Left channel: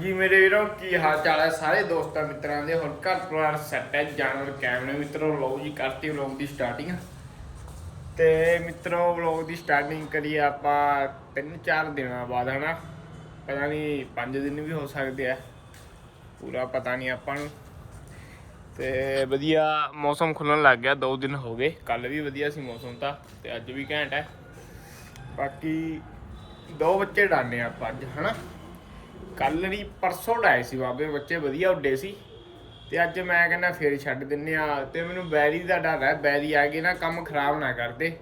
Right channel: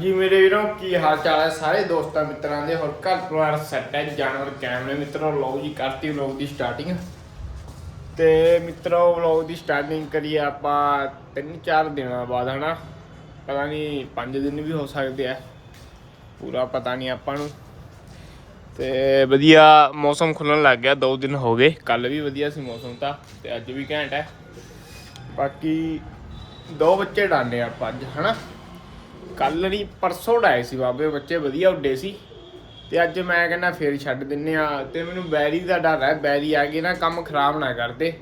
ਜੀ ਮੇਰੇ ਵੀਰੋ, ਕੀ ਹਾਲ ਚਾਲ ਹੈ? ਸਾਰੇ ਦੋਸਤਾਂ ਮਿੱਤਰਾਂ ਦੇ, ਹੋਰ ਘਰ ਪਰਿਵਾਰ ਸੈੱਟ ਹੈ, ਜਾਨਵਰ ਕੈਮਰੇ ਮਿੱਤਰੋ ਲਓ ਜੀ ਕਰਤੀ ਵਲੌਗ ਦੀ ਸਟਾਰਟਿੰਗ ਤੇ ਮਿੱਤਰੋ ਵਲੌਗ ਦੀ ਸਟਾਰਟਿੰਗ ਕਰੀਏ ਆਪਾਂ 3-4 ਦਿਨਾਂ ਬਾਅਦ, ਹਨਾ? ਪਤਾ ਨਹੀਂ 5 ਦਿਨ ਵੀ ਹੋ ਸਕਦੇ ਆ। ਪੂਰਾ ਪਤਾ ਨਹੀਂ ਆਪਾਂ ਨੂੰ। ਤੇ ਵਧੀਆ ਮੌਸਮ ਖੁੱਲਣ ਲੱਗ ਗਿਆ 2 ਦਿਨ ਹੋ ਗਏ। ਕੱਲ ਵੀ ਵਧੀਆ ਸੀ ਮੌਸਮ ਤਾਂ, ਤੇ ਅੱਜ ਵੀ ਘੈਂਟ ਹੈ। ਬਾਕੀ ਦੋ ਬੱਚੇ ਡਾਂਦੇ ਆਪਾਂ ਅੱਜ, ਹਨਾ? ਕੱਲ ਨਹੀਂ, ਪਰਸੋਂ ਡਾਏ ਸੀ ਬਾਬੇ, ਬੱਚੇ ਵਧੀਆ ਉੱਡੇ ਸੀ। ਤੇ ਅੱਜ ਮੈਂ ਕਹਿੰਦਾ ਫੇਰ ਛੱਡ ਦਿੰਨੇ ਆ। ਤੇ ਮੈਨੂੰ ਬੈਰੀ ਦਾ ਡਰ ਹੈ, ਬੈਰੀ ਆ ਕੇ ਨਾ ਕੰਮ ਖਰਾਬ ਨਾ ਕਰਦੇ।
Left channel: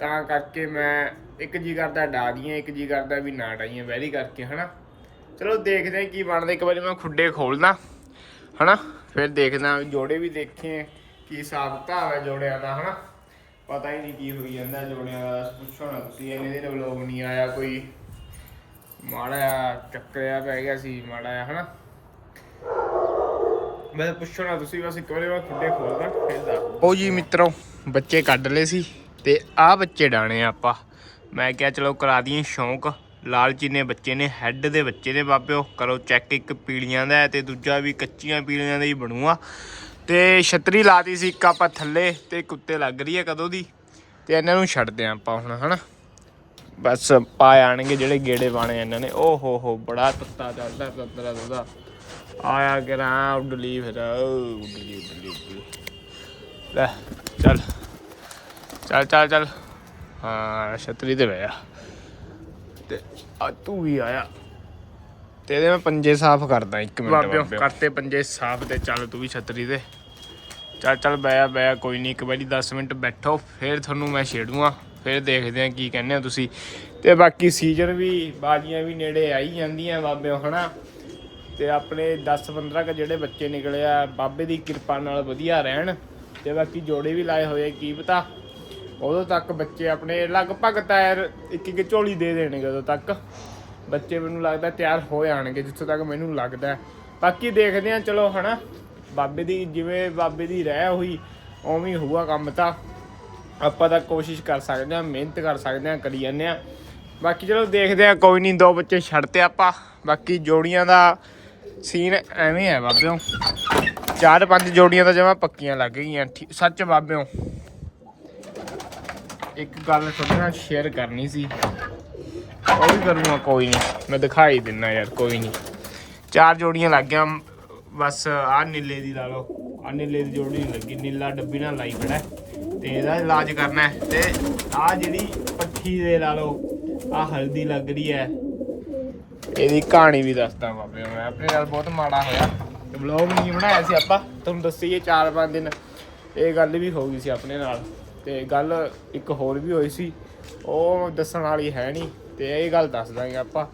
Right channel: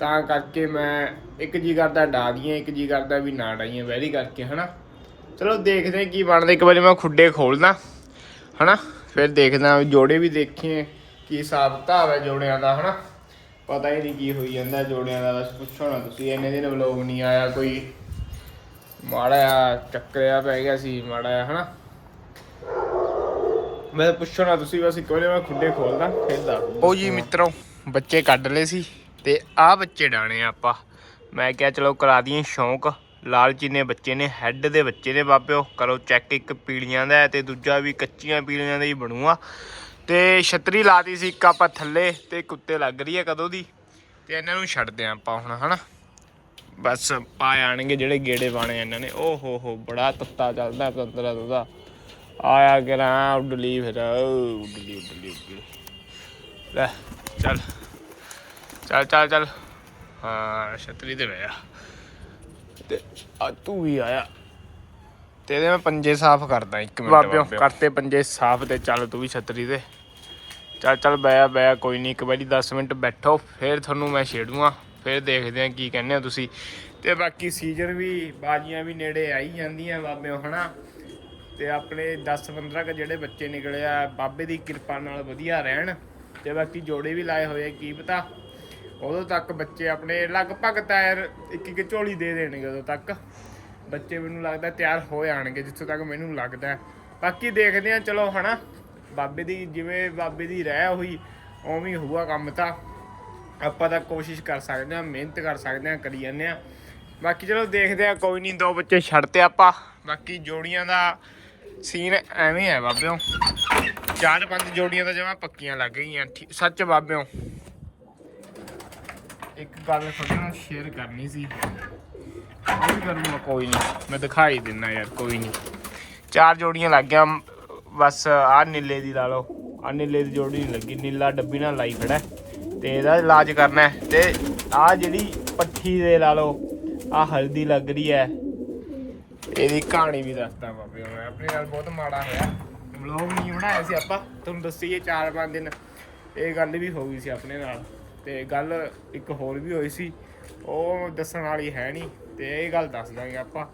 ਤਾਂ ਕਰਕੇ ਮੈਂ ਇੱਕ ਜੀ ਕਰਦਾ ਡਾ ਦੀਆਂ, ਇੱਕ ਜੀ ਕਰਦਾ ਵੀ ਨਾ ਡਾਈਆਂ ਬੈਰੀ ਕਰਕੇ, ਹਨਾ। ਚਲੋ ਦੇਖਦੇ ਕੀ ਬਣਦਾ। ਇੱਕ ਵਾਰੀ ਮੈਂ ਖੁੱਡੇ ਖੋਲਦਾ, ਹਨਾ। ਫਿਰ ਦੇਖਦਾ ਵੀ ਜੋੜੇ ਵੀ ਦੇਖੇ ਕੀ ਹਿਸਾਬ ਕਿਤਾਬ ਹੈ ਜੋੜਿਆਂ ਦਾ, ਹਨਾ। ਪਤਾ ਹੀ ਨਹੀਂ ਕੀ ਹੋਈ ਜਾਂਦਾ ਜੋੜਿਆਂ ਦਾ। ਬਸ ਪੁੱਛੋ ਨਾ ਤੁਸੀਂ, ਇੰਨੇ ਦਿਨ ਵਲੋਗ ਨਹੀਂ ਆਇਆ ਕੋਈ। ਮਾੜਾ ਜਿਹਾ ਚੱਕਰਿਆ ਪੈ ਗਿਆ ਸੀ, ਮਾੜਾ ਜਿਹਾ, ਹਨਾ? ਮੈਂ ਪੁੱਛੋ ਤੁਸੀਂ ਬਸ ਇੱਕ ਵਾਰੀ ਮੈਂ ਖੁੱਡੇ ਖੋਲਦਾ, ਫਿਰ ਦੱਸ ਉਹ ਜੀ ਮਿੱਤਰੋ, ਬੱਚੇ ਕੱਢ ਲਏ ਸੀ ਤੇ ਆਹ ਬੱਚੇ ਡਾਣੇ ਆ ਆਪਾਂ। ਮੈਂ ਕਿਹਾ ਚਲੋ ਕਰਾ ਦਈਏ ਸ਼ੌਂਕ। ਲਾਲਚੀ ਨੇ ਬੱਚੇ ਨੇ ਹੈੱਡ ਦੇ ਬੱਚੇ ਨੇ ਬਾਬਿਓ ਕਰੋ ਚੈੱਕ ਇੱਕ ਪੀਲੀਆਂ ਦਾ ਤੇ ਦੂਜਾ ਵੀ ਕੱਚੀਆਂ ਪੀਲੀਆਂ ਦਾ ਹੀ ਬਣੂਆ। ਤੇ ਛਤਰੀ ਲਾਤੀ ਸੀ ਇੱਕ ਆਪਾਂ ਥੱਲੇ ਤੇ ਕੁੱਤੇ ਲੱਗ ਰਹੀ ਹੈ ਕਦੋਂ ਦੀ। ਤੇ ਇਹਨਾਂ ਨੂੰ ਛੱਡਦੇ ਆਂ ਆਪਾਂ ਹੁਣ, ਹਨਾ? ਬਸ ਪਾ ਆਣਗੇ ਜਿਹੜੇ ਗੇੜੇ ਪਾਣੇ ਇਹਨਾਂ ਨੇ। ਓ ਹੋ ਹੋ ਬੜਾ ਤੱਤਾ ਚੱਲਦਾ ਤੰਤਰਾ ਤੱਤਾ। ਆਇਆ ਕਰਾਂ ਉੱਡਲੀ ਫਿਰ। ਉੱਡਲੀ ਉੱਡਲੀ ਉੱਡਲੀ ਲੈ ਚੱਲ। ਚੱਲ ਚੱਲ ਚੱਲ। ਹਾਂ ਛਤਰੀ ਤੇ ਬਹਿ ਆ ਤੇ ਆ ਤੂੰ ਵੀ ਆਇਆ। ਤੇ ਇਹਦੇ ਮੈਂ ਪੰਜੇ ਸਾਫ਼ ਕਰਦਾ ਇੱਕ ਮਿੰਟ ਬਾਬਿਓ ਕਰਤੇ ਪੰਜੇ ਸਾਫ਼ ਤੇ ਚੱਲ ਤੂੰ ਵੀ ਛਤਰੀ ਤੇ। ਚੱਲ ਚੱਲ ਬੈਆ ਬੈਆ ਕੋਈ ਨਹੀਂ ਇੱਕ ਵਾਰੀ 10 ਮਿੰਟ ਬੈਠੋ ਫਿਰ ਤੁਹਾਨੂੰ ਮੈਂ ਛੇੜੂਆਂ ਫਿਰ ਦੇਖਦੇ ਆ ਕੀ ਕਹਿੰਦੇ ਹੋ ਤੁਸੀਂ। ਤੇ ਬਾਕੀ ਸੀਜ਼ਨ ਵੀ ਬਾਜੀਆਂ ਵੀ ਨੇੜੇ ਆਈ ਜਾਂਦੀਆਂ ਬਾਬਿਓ, ਹਨਾ? ਤੇ ਆਪਣੇ 10-15 ਕ ਜਿਹੜੇ ਬੱਚੇ ਨਿਕਲੇ ਆ, ਬਾਬੇ ਦੀ ਕਿਰਪਾ ਨਾਲ ਵਧੀਆ ਰਹਿਣ। ਤੇ ਬਾਕੀ ਜੋੜੇ ਵੀ ਲਾਏ ਹੋਏ ਕੀ ਪਤਾ? ਉਦੋਂ ਤੱਕ ਬੱਚੇ ਆਪਣੇ ਲਗਭਗ ਟਾਇਰ ਇੱਕ ਇੱਕ ਝੋਲੀ ਦੇ ਦੇਣਗੇ ਉਦੋਂ ਤੱਕ। ਬੱਚੇ ਮੈਨੂੰ ਲੱਗਦਾ ਤਿਆਰ ਹੋ ਜਾਣਗੇ ਜਿੱਥੋਂ ਤੱਕ ਮੈਨੂੰ ਲੱਗਦਾ। ਬਾਕੀ ਦੇਖਦੇ ਆ ਚਲੋ, ਹਨਾ? ਬਾਬੇ ਦੀ, ਜਿਵੇਂ ਬਾਬੇ ਦੀ ਰਹਿ ਹੋਈ, ਉਵੇਂ ਹੀ ਹੋਊਗਾ ਕੰਮ ਤਾਂ। ਆਪਾਂ ਤਾਂ ਕੋਸ਼ਿਸ਼ ਕਰ ਸਕਦੇ ਆ ਮਿਹਨਤ ਕਰ ਸਕਦੇ ਆ ਕਰੀ ਜਾਂਦੇ ਆ ਬਾਕੀ ਚਲੋ ਦੇਖਦੇ ਆ ਕੋਈ ਨਹੀਂ, ਦੋ ਬੱਚੇ ਛੱਡਤੇ ਆਪਾਂ। ਬਾਕੀ ਜੋੜੀਆਂ ਦਾ ਸੀਨ ਐਵੇਂ ਹੈ ਬਾਬਿਓ। ਚਾਰ ਪੰਜ ਜੋੜੀਆਂ ਤਾਂ ਜਮਾ ਪੱਕੀਆਂ ਲੱਗ ਗਈਆਂ। ਠੀ- ਸੱਚ ਬਾਬਿਓ। ਇੱਕ ਗੱਲ ਤੁਹਾਡੇ ਨਾਲ ਸ਼ੇਅਰ ਕਰਨੀ ਸੀ। ਉਹ ਵੀ ਕਰੂੰਗਾ, ਕੋਈ ਨਹੀਂ। ਮੈਂ ਦਿਖਾਈ ਦਿੰਨਾ ਯਾਰ, ਕੋਈ ਨਹੀਂ। ਚਾਰ ਜੋੜੀਆਂ ਲੱਗ ਗਿਆ ਬਸ ਆਹ ਨੀਲੇ ਦੀ ਲਾ ਲਓ। ਆਹ ਨੀਲੇ ਦੀ ਜੋੜੀ ਨਹੀਂ ਲੱਗੀ। ਨੀਲਾ ਡੱਬੀ ਨਾਲ ਲਾਈ ਖੜਾ ਤੇ ਇਹਦਾ ਇਲਾਜ ਕਰਨਾ ਹੈ। ਤੇ ਆਹ ਜਿਹੜੀ ਪੱਠੀ ਦੇ ਲਾ ਲਓ ਆਹ ਹਲਦੀ ਲੱਗ ਰਹੀ ਹੈ। ਇਹਦੀ ਕਹਾਣੀ ਵੀ ਦੱਸਦਾ ਬਾਬੇ ਮੈਂ ਆਪਣੇ ਨਾਲ ਬਹੁਤ ਮਾੜਾ ਹੋਇਆ। ਵਲੌਗ ਨਹੀਂ ਬਣਾਇਆ ਸੀ ਆਪਾਂ। ਤੁਹਾਨੂੰ ਦੱਸੀਏ 4-5 ਦਿਨ ਇਹ ਗੱਲ ਵੀ ਹੋ ਗਈ ਸੀ ਆਪਣੇ ਨਾਲ। ਤੇ ਗੱਲ ਇੱਕ ਹੋਰ ਵੀ ਹੋਈ ਸੀ। ਉਹ ਦੱਸਣ ਵਾਲੀ ਹੈ ਨਹੀਂ। ਤੇ ਇਹ ਗੱਲ ਦੱਸ ਦਾਂਗੇ ਆਪਾਂ।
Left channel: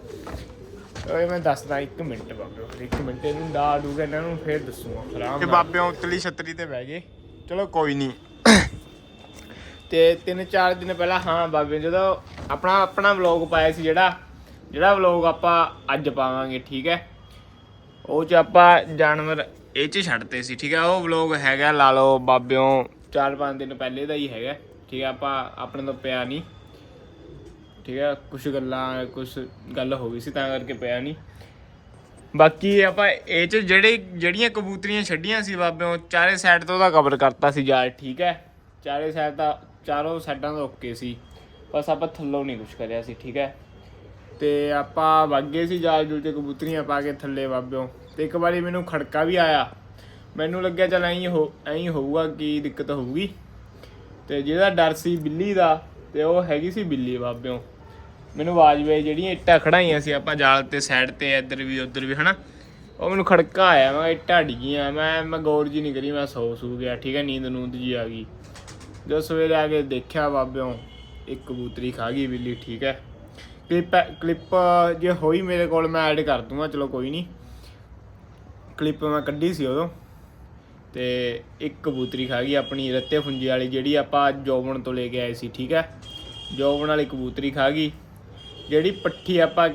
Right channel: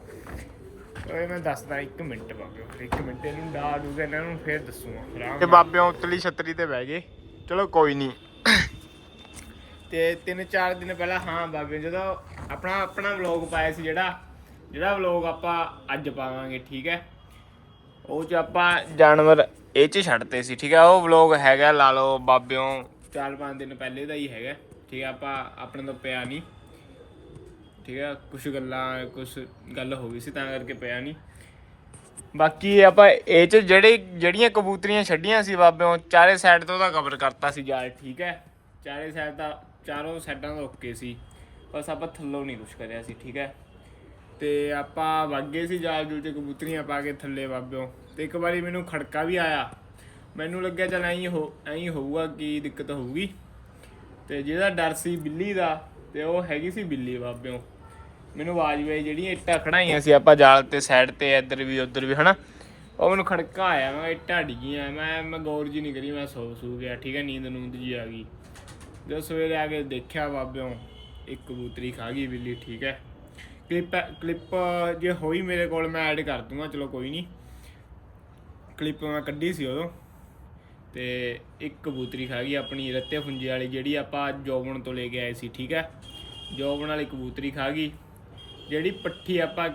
ਇਹ ਮੈਂ ਦੱਸਦਾ 1 ਮਿੰਟ ਬਾਬਿਓ ਫਿਰ 1 ਮਿੰਟ ਇਹਨੂੰ ਡਾ ਦੂਗਾ ਇਹਨਾਂ ਨੂੰ ਫੇਰ ਦੱਸੂਗਾ। ਤੇ ਬਾਬਿਓ ਉਤਲੀ ਛਤਰੀ ਤੇ ਬਹਿ ਗਏ। ਚਲੋ ਕੋਈ ਨਹੀਂ। ਤੇ ਤਿੰਨ ਚਾਰ ਦਿਨ ਪਹਿਲਾਂ, ਹਾਂ ਬਾਬੇ, ਜਦੋਂ ਆਪਣਾ ਆਪਣਾ ਵਲੌਗ ਪਾਇਆ ਸੀ ਜਿਹੜਾ ਜਿਹੜਾ ਵਲੌਗ ਆਪਾਂ ਅੱਜ ਪਾਵਾਂਗੇ, ਠੀਕ ਹੈ? ਉਹ ਚ ਆਪਾਂ ਜਾਨਵਰ ਇਹ ਚ ਛੱਡਤੇ ਸੀ, ਠੀਕ ਹੈ? ਉਹ ਵਲੌਗ ਹੈਗਾ, ਲਾ ਲਓ, ਬਾਬਿਓ ਚਾਰ ਪੰਜ ਦਿਨ ਪਹਿਲੇ ਦਾ ਹੀ ਹੈਗਾ, ਠੀਕ ਹੈ? ਆਪਾਂ ਆਪਣੇ ਤੋਂ ਪਿਆ ਨਹੀਂ, ਠੀਕ ਹੈ? ਕੁਝ ਗੱਲਾਂ ਕੁਝ ਗੱਲ ਹੋ ਗਈ ਸੀ, ਤਾਂ ਕਰਕੇ ਪਿਆ ਨਹੀਂ। ਬਾਕੀ ਆਪਾਂ ਇਹ ਚ ਜਿਹੜੇ ਜਿਹੜੀਆਂ ਕਬੂਤਰੀਆਂ ਛੱਡੀਆਂ ਸੀ ਬਾਬਿਓ, ਚਾਰੇ ਸਾਈਡ ਤੋਂ ਉਹਦਾ ਕਵਰ ਕਰਤਾ ਸੀ ਜਾਲ, ਠੀਕ ਹੈ? ਚਾਰੇ ਸਾਈਡ ਦਾ ਚਾਰੋਂ ਸਾਈਡਾਂ ਤੋਂ ਓਕੇ ਸੀ, ਬਸ ਆਪਾਂ ਥੱਲੋਂ ਨਹੀਂ ਕੁਝ ਕਰਿਆ ਸੀ, ਠੀਕ ਹੈ? ਤੇ ਆਪਾਂ ਵਾਗੇ ਸੀ ਜਾਲ ਜੂਲ ਤੇ ਕਬੂਤਰੀਆਂ ਪਾ ਕੇ ਥੱਲੇ ਬਾਬਿਓ, ਤੇ ਇੱਕ ਵਾਰੀ ਮੈਨੂੰ ਖੜਕਾ ਵੀ ਆਇਆ। ਮੈਨੂੰ ਲੱਗਿਆ ਚਲ ਐਂ ਹੋ ਐਂ ਹੋਊਗਾ ਕੀ ਦਿੱਕਤ ਹੋਊਗੀ। ਤੇ ਜਿਹਦਾ ਡਰ ਸੀ ਬਿੱਲੀ ਦਾ, ਤੇ ਉਹ ਹੈਗੀ ਸੀ ਬਿੱਲੀ ਬਾਬਿਓ। ਮੈਨੂੰ ਆਵਾਜ਼ ਵੇ ਜਿਹੜੀਆਂ ਇੱਟਾਂ ਖੜਾਈਆਂ ਸੀ ਆਪਾਂ ਜਾਲ ਤੇ ਸਾਈਡ ਤੇ, ਇੱਧਰ ਵੀ, ਉੱਧਰ ਵੀ, ਹਨਾ? ਉਹ ਮੈਨੂੰ ਖੜਕਾ ਆਇਆ, ਮੈਂ ਇੱਟਾਂ ਡਿੱਗੀਆਂ, ਮੈਂ ਮੈਂ ਗੌਰ ਜੀ ਨਹੀਂ ਕਰੀ, ਮੈਂ ਸੌ ਸੂ ਗਿਆ, ਠੀਕ ਹੈ? ਨੀਂਦ ਨੂੰਦ ਜੀ ਆ ਗਈ। ਜਦੋਂ ਸਵੇਰੇ ਆ ਕੇ ਦੇਖਿਆ ਬਾਬਿਓਂ, ਇੱਕ ਕਬੂਤਰੀ ਖਾ ਗਈ ਬਿੱਲੀ, ਠੀਕ ਹੈ। ਕਲਿੱਪ ਕਲਿੱਪ ਜੇ ਹੋਈ ਮੇਰੇ ਕੋਲ ਮੈਂ ਐਡ ਕਰ ਦੂੰਗਾ, ਚਲੋ ਕੋਈ ਨਹੀਂ। ਕਲਿੱਪ ਮੈਂ ਕੱਢੀ ਸੀ ਉਦੋਂ ਤੇ ਇੱਕ ਕਬੂਤਰੀ ਖਾ ਗਈ ਆਪਣੀ ਰੱਤੇ ਫੁੰਜੀ ਵਾਲੀ, ਜਿਹੜੀ ਆਪਾਂ ਜੋਬਣ ਤੋਂ ਲੈ ਕੇ ਆਏ ਸੀ, ਠੀਕ ਹੈ। ਜੋਬਨ ਵਾਲੀ ਕਬੂਤਰੀ ਖਾ ਗਈ, ਜਿਹੜੀ ਪੱਠੀ ਆਪਾਂ,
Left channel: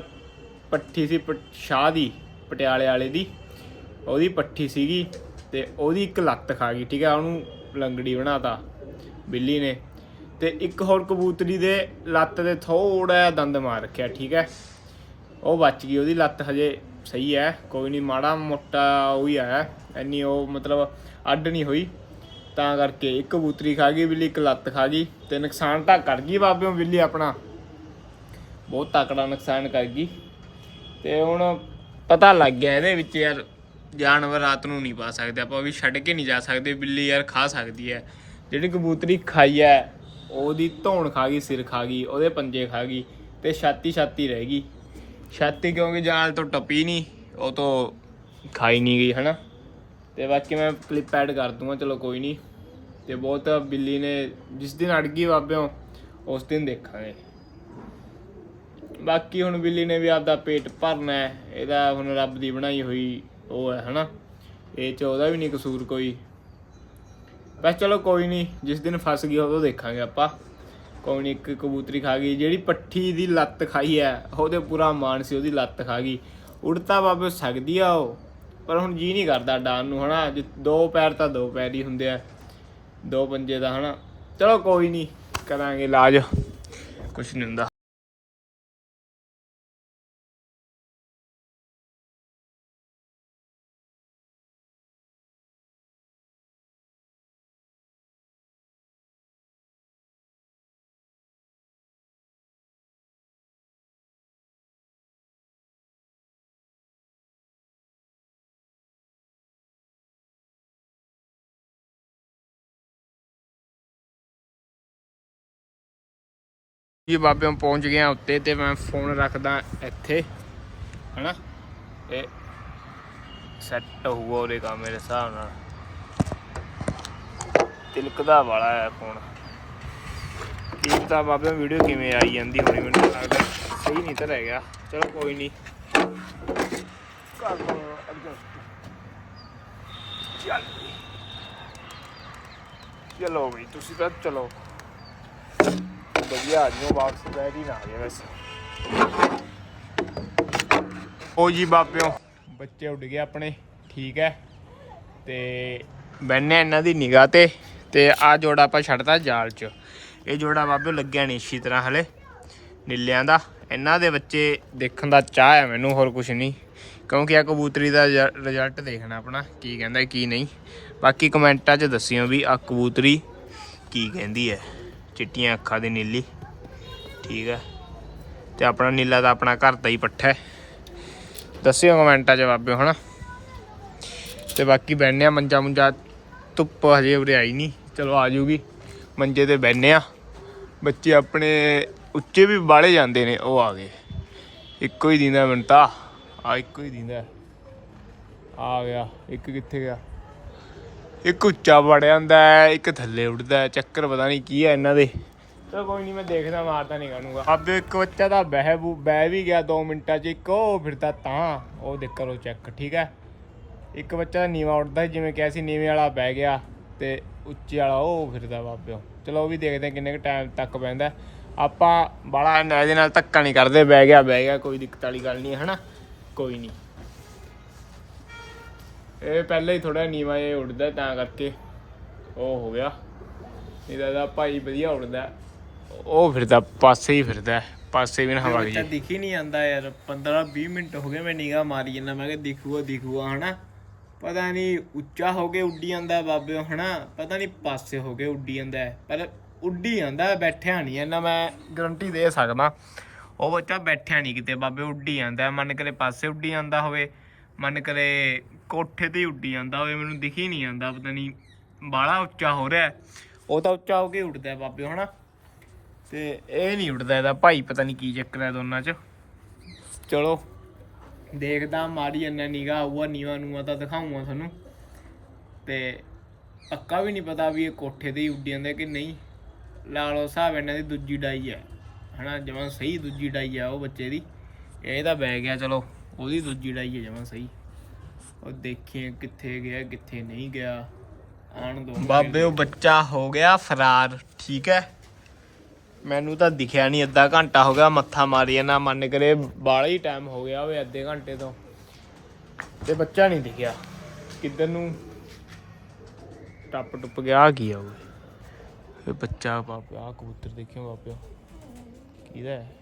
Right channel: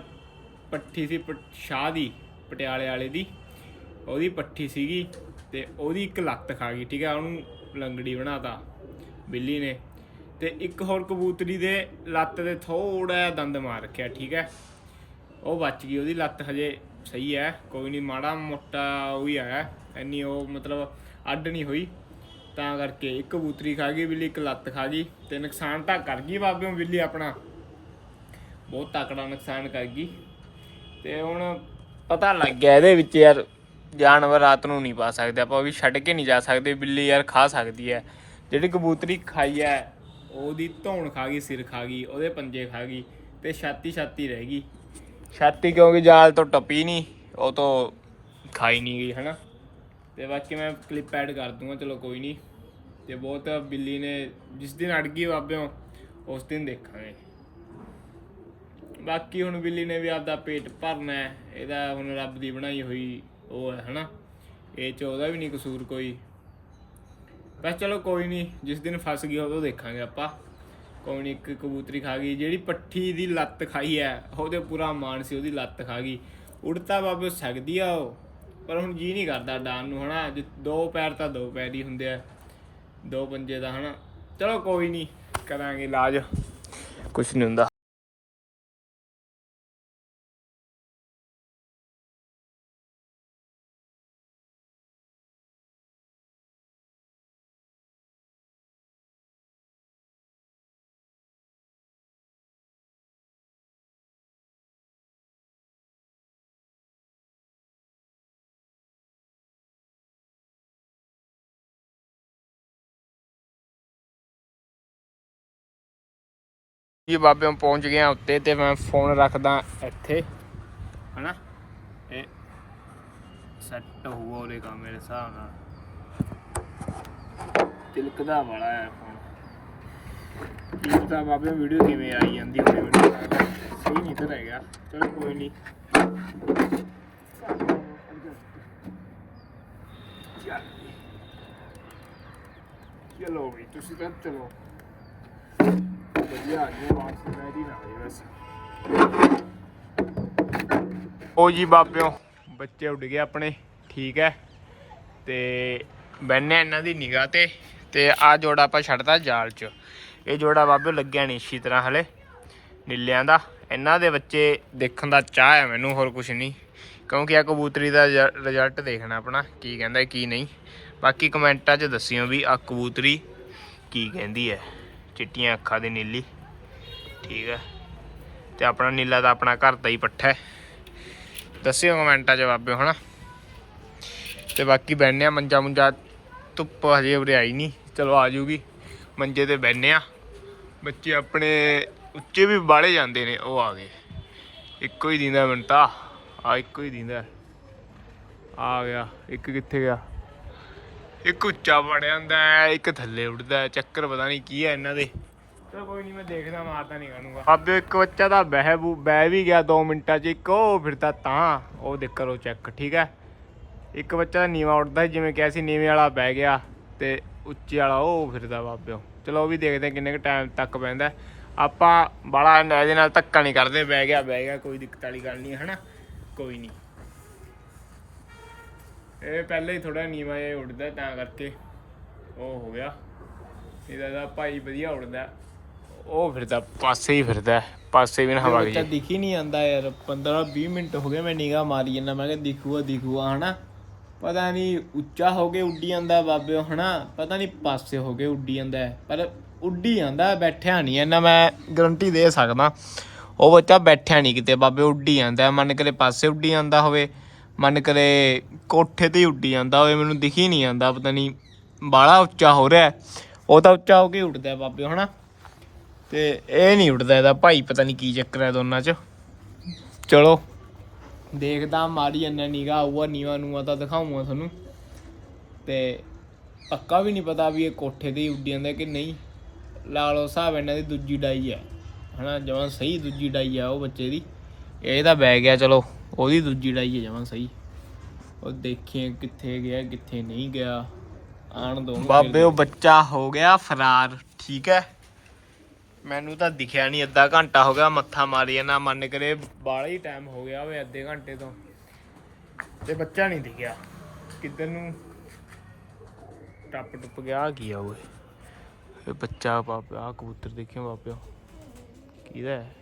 ਪੱਠੀ ਸੀ ਪ- ਸ਼ਾਹ ਦੀ, ਪਟਿਆਲੇ ਵਾਲੇ ਦੀ, ਉਹਦੀ ਪੱਠੀ ਸੀਗੀ ਤੇ ਉਹਦੀ ਇੱਕ ਲੱਤ ਖਾ ਗਈ, ਠੀਕ ਹੈ। ਉਹਨੂੰ ਲੰਗੜੀ ਬਣਾਤਾ। ਬਿੱਲੀ ਨੇ ਤੇ ਇੱਕ ਹੋਰ ਕਬੂਤਰੀ ਦੇ ਲੱਤ ਦੇ ਥੋੜਾ ਜਿਹਾ ਦੰਦ ਮਾਰ ਰੱਖਿਆ, ਠੀਕ ਹੈ? ਉਹ ਬਚ ਗਈ, ਉਹਦੀ ਲੱਤ ਹਜੇ ਸਹੀ ਹੈ, ਕੋਈ ਨਹੀਂ, ਮਾੜਾ ਮੋਟਾ ਉਹ ਹੀ ਆਇਆ ਐਨੀ ਉਹ ਮਤਲਬ ਅੱਡ ਨਹੀਂ ਹੋਈ। ਤਾਂ ਕਰਕੇ ਇੱਕ ਕਬੂਤਰੀ ਖਾ ਗਈ, ਬਿੱਲੀ ਇੱਕ ਲੱਤ ਖਾ ਗਈ ਤੇ ਨੁਕਸਾਨ ਤਾਂ ਕਰ ਗਈ ਬਾਬਿਓ ਬਿੱਲੀ ਆਪਣਾ। ਬਹੁਤ ਤਕੜਾ ਨੁਕਸਾਨ ਕਰ ਗਈ। ਤੇ ਹੁਣ ਪਤਾ ਲੱਗ ਗਿਆ ਇਹਦੇ ਵਿੱਚ ਯਾਰ, ਜਾਨਵਰ ਰਾਤ ਨੂੰ ਨਹੀਂ ਪਾ ਸਕਦੇ, ਆਪਾਂ ਵੀ ਛੱਡ ਕੇ ਨਹੀਂ ਜਾ ਸਕਦੇ, ਬਿੱਲੀ ਯਾਰ ਖਾ ਸਕਦੀ ਹੈ। ਜਿਹੜੀ ਕਬੂਤਰੀ ਖਾਈ ਹੈ, ਉਹਦੀ ਧੌਣ ਖਾ ਗਈ, ਸਿਰ ਖਾ ਗਈ, ਉਹਦੇ ਪੰਜੇ ਖਾ ਗਈ ਤੇ ਛਾਤੀ ਛਾਤੀ ਰਹਿ ਗਈ। ਛਾਤੀ ਕਿਉਂਕਿ ਜਾਲ ਤੋਂ ਟੱਪੀ ਨਹੀਂ, ਉਹ ਤੋਂ ਖਾਈ ਨਹੀਂ ਗਈ, ਹਨਾ? ਤੇ ਬਾਕੀ ਮੈਂ ਕਲਿੱਪ ਐਡ ਕਰ ਦੂੰਗਾ, ਚਲੋ ਕੋਈ ਨਹੀਂ। ਤੇ ਬਹੁਤ ਬਿੱਲੀ ਨੇ, ਜਿਸ ਦਿਨ ਅੜ ਗਈ ਬਾਬਿਓ, ਉਸ ਦਿਨ ਦੇਖਾਂਗੇ। ਬਾਕੀ ਹੁਣ ਬਿੱਲੀ ਨੇ ਵੀ ਆਪਦਾ ਪੇਟ ਭਰਨਾ ਇਹਦਾ ਹੁਣ ਰੱਬ ਦੀ ਬਣਾਈ ਹੋਈ ਉਹ ਹੈ, ਹਨਾ? ਇਹ ਚ ਉਹਦਾ ਵੀ ਨਹੀਂ ਕਸੂਰ ਕੋਈ। ਬਸ ਚਲੋ ਕੋਈ ਨਹੀਂ ਜਿਸ ਦਿਨ ਫਸ ਗਈ ਉਦੋਂ ਦੇਖਾਂਗੇ ਆਪਾਂ। ਕੋਈ ਨਹੀਂ ਇੱਕ ਕਬੂਤਰੀ ਖਾ ਗਈ, ਜਿਹੜੀ ਪੱਠੀ ਦੀ ਲੱਤ ਖਾਈ ਹੈ, ਉਹਦੇ ਪੂਰਾ ਮਾਨ ਸੀ, ਉਹਦੀ ਲੱਤ ਖਾ ਗਈ। ਉੜਤਾ ਬਾਬੇ ਸਕਦੀ ਆ ਉਹ, ਪਰ ਹੁਣ ਜੀ ਨਹੀਂ ਕਰਦਾ ਡਾਨ ਨੂੰ, ਹਨਾ? ਜੇ ਦੋ ਪੈਰ ਤਾਂ ਦੋ ਪੈਰ ਹੀ ਹੁੰਦੇ ਆ, ਦੋ ਪੰਜੇ ਦਾ ਹਨਾ? ਚਲੋ ਕੋਈ ਨਹੀਂ ਕਰਾਂਗੇ ਇਲਾਜ। ਕੁਝ ਨਹੀਂ ਹੁੰਦਾ। ਜੀ ਬਾਬਿਆਂ ਪਹੁੰਚ ਗਿਆ ਉੱਤੇ ਤੇ ਮੈਂ ਫੋਨ ਰੱਖਦਾ ਇੱਥੇ, ਹਨਾ? ਇਹ ਸੈੱਟ ਹੋਊਗਾ ਉਹਦੇ ਕੰਮ ਮੇਰੇ ਹਿਸਾਬ ਨਾਲ। ਤਿਲਕਦਾ ਵਾਲਾ ਹੈ ਫੋਨ ਕੀ ਪਤਾ ਬਾਬੇ ਵੀਡੀਓ ਕਿਵੇਂ ਆਈ ਜਾਂਦੀ ਹੋਣੀ ਮੈਨੂੰ ਲੱਗਦਾ ਸਹੀ ਨਹੀਂ ਤਾਂ ਰਹਿ ਗਿਆ। ਚਲੋ ਕੋਈ ਨਹੀਂ। ਕਰ ਲਓ adjust। ਚੱਲ। ਚਲੋ ਬਈ, ਤੁਸੀਂ ਤਾਂ ਚਲੋ। ਵਧੀਆ ਆ ਜਿਓ, ਵਾਪਸ ਬੈਠ ਨਾ ਆ ਜਾਓ ਉਹ ਜੀ ਬਾਬਿਓ, ਬੱਚੇ ਉੱਡ ਗਏ ਆਪਣੇ, ਠੀਕ ਹੈ। ਤੇ ਬੈਨੇ ਇਹਨਾਂ ਦੀ ਨਿਗਾਹ ਤੇ ਤੇ ਆ ਜੋੜਾ ਆਪਾਂ ਛੱਡਤਾ ਜਾਲ 'ਚ। ਇਹ ਜੋੜਾ ਬਾਬਿਓ ਲੱਗਿਆ ਨਹੀਂ ਅੱਛੀ ਤਰ੍ਹਾਂ ਹਲੇ, ਨੀਲਿਆਂ ਦਾ। ਇਹਨਾਂ ਦੇ ਬੱਚੇ ਦੇਖਣ ਦਾ ਚਾਹ ਹੈ ਮੈਨੂੰ, ਹੋਰ ਕੁਝ ਨਹੀਂ। ਕਿਉਂਕਿ ਆ ਕਬੂਤਰੀ ਦਾ ਰਿਜ਼ਲਟ ਦੇਖਣਾ ਆਪਣਾ, ਕੀ ਕਹਿੰਦਾ, ਕੀ ਨਹੀਂ। ਬਾਕੀ ਕਮੈਂਟਾਂ 'ਚ ਦੱਸਿਓ ਵੀ ਆ ਕਬੂਤਰੀ ਕੀ ਕਹਿੰਦੀ ਹੈ। ਚਿੱਟੀਆਂ ਅੱਖਾਂ ਦੀ ਨੀਲੀ। ਠੀਕ ਹੈ ਤੇ ਆਪਣਾ ਨੀਲਾ ਤਾਂ ਆਪਣਾ ਘਰ ਦਾ ਹੀ ਪੱਠਾ ਹੈ। ਦੱਸਿਓ ਕਮੈਂਟਾਂ 'ਚ ਬਾਬੇ ਹਨਾ ਤੇ ਬਾਕੀ ਬੈਠਨੇ ਆ ਮੰਜਾ ਮੁੰਜਾ ਧੁੱਪ ਹਜੇ ਉਰੇ ਆਈ ਨਹੀਂ। ਚਲੋ ਆ ਜੂਗੀ। ਮੰਜੇ ਤੇ ਬੈਠਨੇ ਆ ਬੱਚੇ ਆਪਣੇ ਉੱਚੇ ਵੀ ਬਾਲੇ ਜਾਂਦੇ ਨੇ, ਉਹ ਆ ਗਏ। ਇੱਕੋ ਹੀ ਦਿੰਦਾ ਮੈਨੂੰ ਤਾਂ ਆ ਇੱਕੋ ਹੀ ਦਿੰਦਾ। ਆ ਗਿਆ। ਇੱਕ ਕਿੱਥੇ ਗਿਆ? ਇੱਕ ਉੱਚਾ ਵੜ ਜਾਂਦਾ ਹੈ, ਇੱਕ ਥੱਲੇ ਉੱਡਦਾ। ਚੱਕਰ ਪਤਾ ਨਹੀਂ ਕੀ ਹੈ ਇਹਨਾਂ ਦੇ। ਚਲੋ ਕੋਈ ਨਹੀਂ ਮੈਂ ਦੇਖਦਾ ਮਾਰਦਾ ਨਹੀਂ ਕਰੂੰਗਾ ਆਬੇ ਇੱਕ ਬੱਚਾ ਦਾ ਬਹਿ ਬੂ- ਬਹਿ ਵੀ ਗਿਆ 2 ਮਿੰਟਾਂ 'ਚ ਇੱਕ ਉਹ ਫਿਰਦਾ ਤਾਂ ਉਹ ਦੇਖ ਕਰੋ ਚੈੱਕ ਠੀਕ ਹੈ? ਇੱਕ ਬੱਚਾ ਦਾ ਨੀਵਾ ਉੱਡਦਾ ਸੀ, ਜਿਵੇਂ ਕਿਹਾ ਸੀ ਨੀਵੇਂ ਵਾਲਾ ਬਹਿ ਗਿਆ ਤੇ ਉੱਚੇ ਵਾਲਾ ਉਹ ਫਿਰਦਾ ਬਾਬਿਓ। ਚਲੋ ਉਹ ਵੀ ਦੇਖਦੇ ਹਾਂ ਕਿੰਨੇ ਕੁ ਟਾਈਮ ਤੱਕ ਬਹਿੰਦਾ ਆਪਾਂ ਬੜਾ ਇਹਦੇ ਨਾਲ ਧੱਕਾ ਨਹੀਂ ਕਰਦੇ ਬਹਿ ਗਿਆ ਬਹਿ ਗਿਆ ਕੋਈ ਦਿੱਕਤ ਵਾਲੀ ਗੱਲ ਨਹੀਂ ਹੈ ਹਨਾ? ਕੋਈ ਨਹੀਂ ਇਹ ਪਹਿਲਾਂ ਹੀ ਥੋੜਾ ਨੀਵਾ ਇਹ ਉੱਡਦਾ ਤਾਂ ਕਰਕੇ ਉਹ ਹੋ ਗਿਆ। ਇਹਦਾ ਇਹਦਾ ਭਾਈ ਵਧੀਆ ਉੱਡਦਾ। ਉਹ ਫਿਰਦਾ ਪਾਸੇ ਹੀ ਫਿਰਦਾ ਪਾਸੇ ਵੀ ਨਾ ਹਵਾ ਗਈ ਦਿਖ ਹੀ ਨਹੀਂ ਆਂਦਾ ਯਾਰ 15 20 ਮਿੰਟ ਹੋ ਗਏ ਮੈਂ ਨਿਗਾਹ ਮਾਰੀ ਜਾਂਦਾ ਮੈਂ ਕਿਹਾ ਦਿਖੂਗਾ ਦਿਖੂਗਾ ਹਨਾ। ਪਤਾ ਨਹੀਂ ਉੱਚਾ ਹੋ ਕੇ ਉੱਡੀ ਜਾਂਦਾ ਬਾਬਿਓ ਹਨਾ। ਪਤਾ ਨਹੀਂ ਪਾਸੇ ਹੋ ਕੇ ਉੱਡੀ ਜਾਂਦਾ। ਪਰ ਉੱਡੀ ਜਾਂਦਾ ਬੈਠਿਆ ਨਹੀਂ ਇਹਨਾਂ ਮੈਂ ਗਰੰਟੀ ਦੇ ਸਕਦਾ। ਉਹ ਬੱਚਾ ਬੈਠਿਆ ਨਹੀਂ ਕਿਤੇ ਬਾਬੇ ਉੱਡੀ ਜਾਂਦਾ। ਮੰਨ ਕਰੇ ਪਾਸੇ ਉੱਡੀ ਜਾਂਦਾ ਹੋਵੇ। ਮਨ ਕਰੇ ਕੋਠੇ ਤੇ ਹੀ ਉੱਡੀ ਜਾਂਦਾ ਹੋਵੇ, ਮੈਨੂੰ ਦਿਖੀ ਨਹੀਂ ਆਂਦਾ ਪਤਾ ਨਹੀਂ ਬਾਲਾ ਉੱਚਾ ਹੋ ਰਿਹਾ ਉਹ ਤਾਂ ਉੱਚਾ ਹੋ ਕੇ ਉੱਡਦਾ ਬਾਬੇ, ਹਨਾ? ਤੇ ਇਹ ਨਹੀਂ ਉੱਡਦਾ ਇਹਦਾ ਭਾਈ, ਪਤਾ ਨਹੀਂ ਕੀ ਚੱਕਰ ਹੈ ਦੋਨਾਂ 'ਚ। ਚਲੋ, ਦੇਖਦਾ ਮਾੜੀ ਇੰਨਾ ਨੀਗਾ ਆਊਗਾ, ਨੀਵਾ ਨੂਆ ਤਾਂ ਦਿਖਾਉਂਗਾ ਤੁਹਾਨੂੰ। ਤੇ ਪੱਕਾ ਵੀ ਨਹੀਂ ਪਤਾ ਵੀ ਇਹ ਕੋਠੇ ਤੇ ਹੀ ਉੱਡੀ ਜਾਂਦਾ ਕਿ ਨਹੀਂ। ਲਾ ਲਓ ਹਿਸਾਬ ਇਹਨਾਂ ਦੀ ਦੂਜੀ ਡਾਈ ਹੈ ਹਨਾ? ਜਮਾਂ ਸਹੀ ਦੂਜੀ ਡਾਈ ਆ ਉਹ ਬੱਚੇ ਦੀ। ਇਹ ਤਾਂ ਬਹਿ ਗਿਆ, ਚਲੋ। ਉਹਦੀ ਦੂਜੀ ਡਾਈ ਹੈ ਜਮਾਂ ਸਹੀ। ਉਹ ਦੇਖੀਏ ਕਿੱਥੇ ਗਿਆ ਕਿੱਥੇ ਨਹੀਂ ਗਿਆ। ਆਣ ਦੋ ਬਾਬੇ ਉਹ ਬੱਚਾ ਹੋ ਗਿਆ ਫਰਾਰ ਠੀਕ ਹੈ? ਮੈਨੂੰ ਤਾਂ ਦਿਖਿਆ ਨਹੀਂ ਅੱਧਾ ਘੰਟਾ ਹੋ ਗਿਆ ਮੱਥਾ ਮਾਰੀ ਜਾਂਦਾ ਮੰਨ ਕਰੇ। ਬਾਲਾ ਹੀ ਟਾਈਮ ਹੋ ਗਿਆ ਓਏ ਅੱਧੇ ਘੰਟੇ ਤੋਂ। ਤੇ ਬੱਚਾ ਨਹੀਂ ਦਿਖਿਆ। ਕਿੱਧਰ ਨੂੰ? ਟੱਪ ਟੁੱਪ ਗਿਆ ਕੀ ਆ ਓਏ? ਇਹ ਬੱਚਾ ਬਾਪ ਆ ਕਬੂਤਰ ਦੇਖਿਓ ਬਾਪਿਓ। ਕਿਹਦਾ ਹੈ?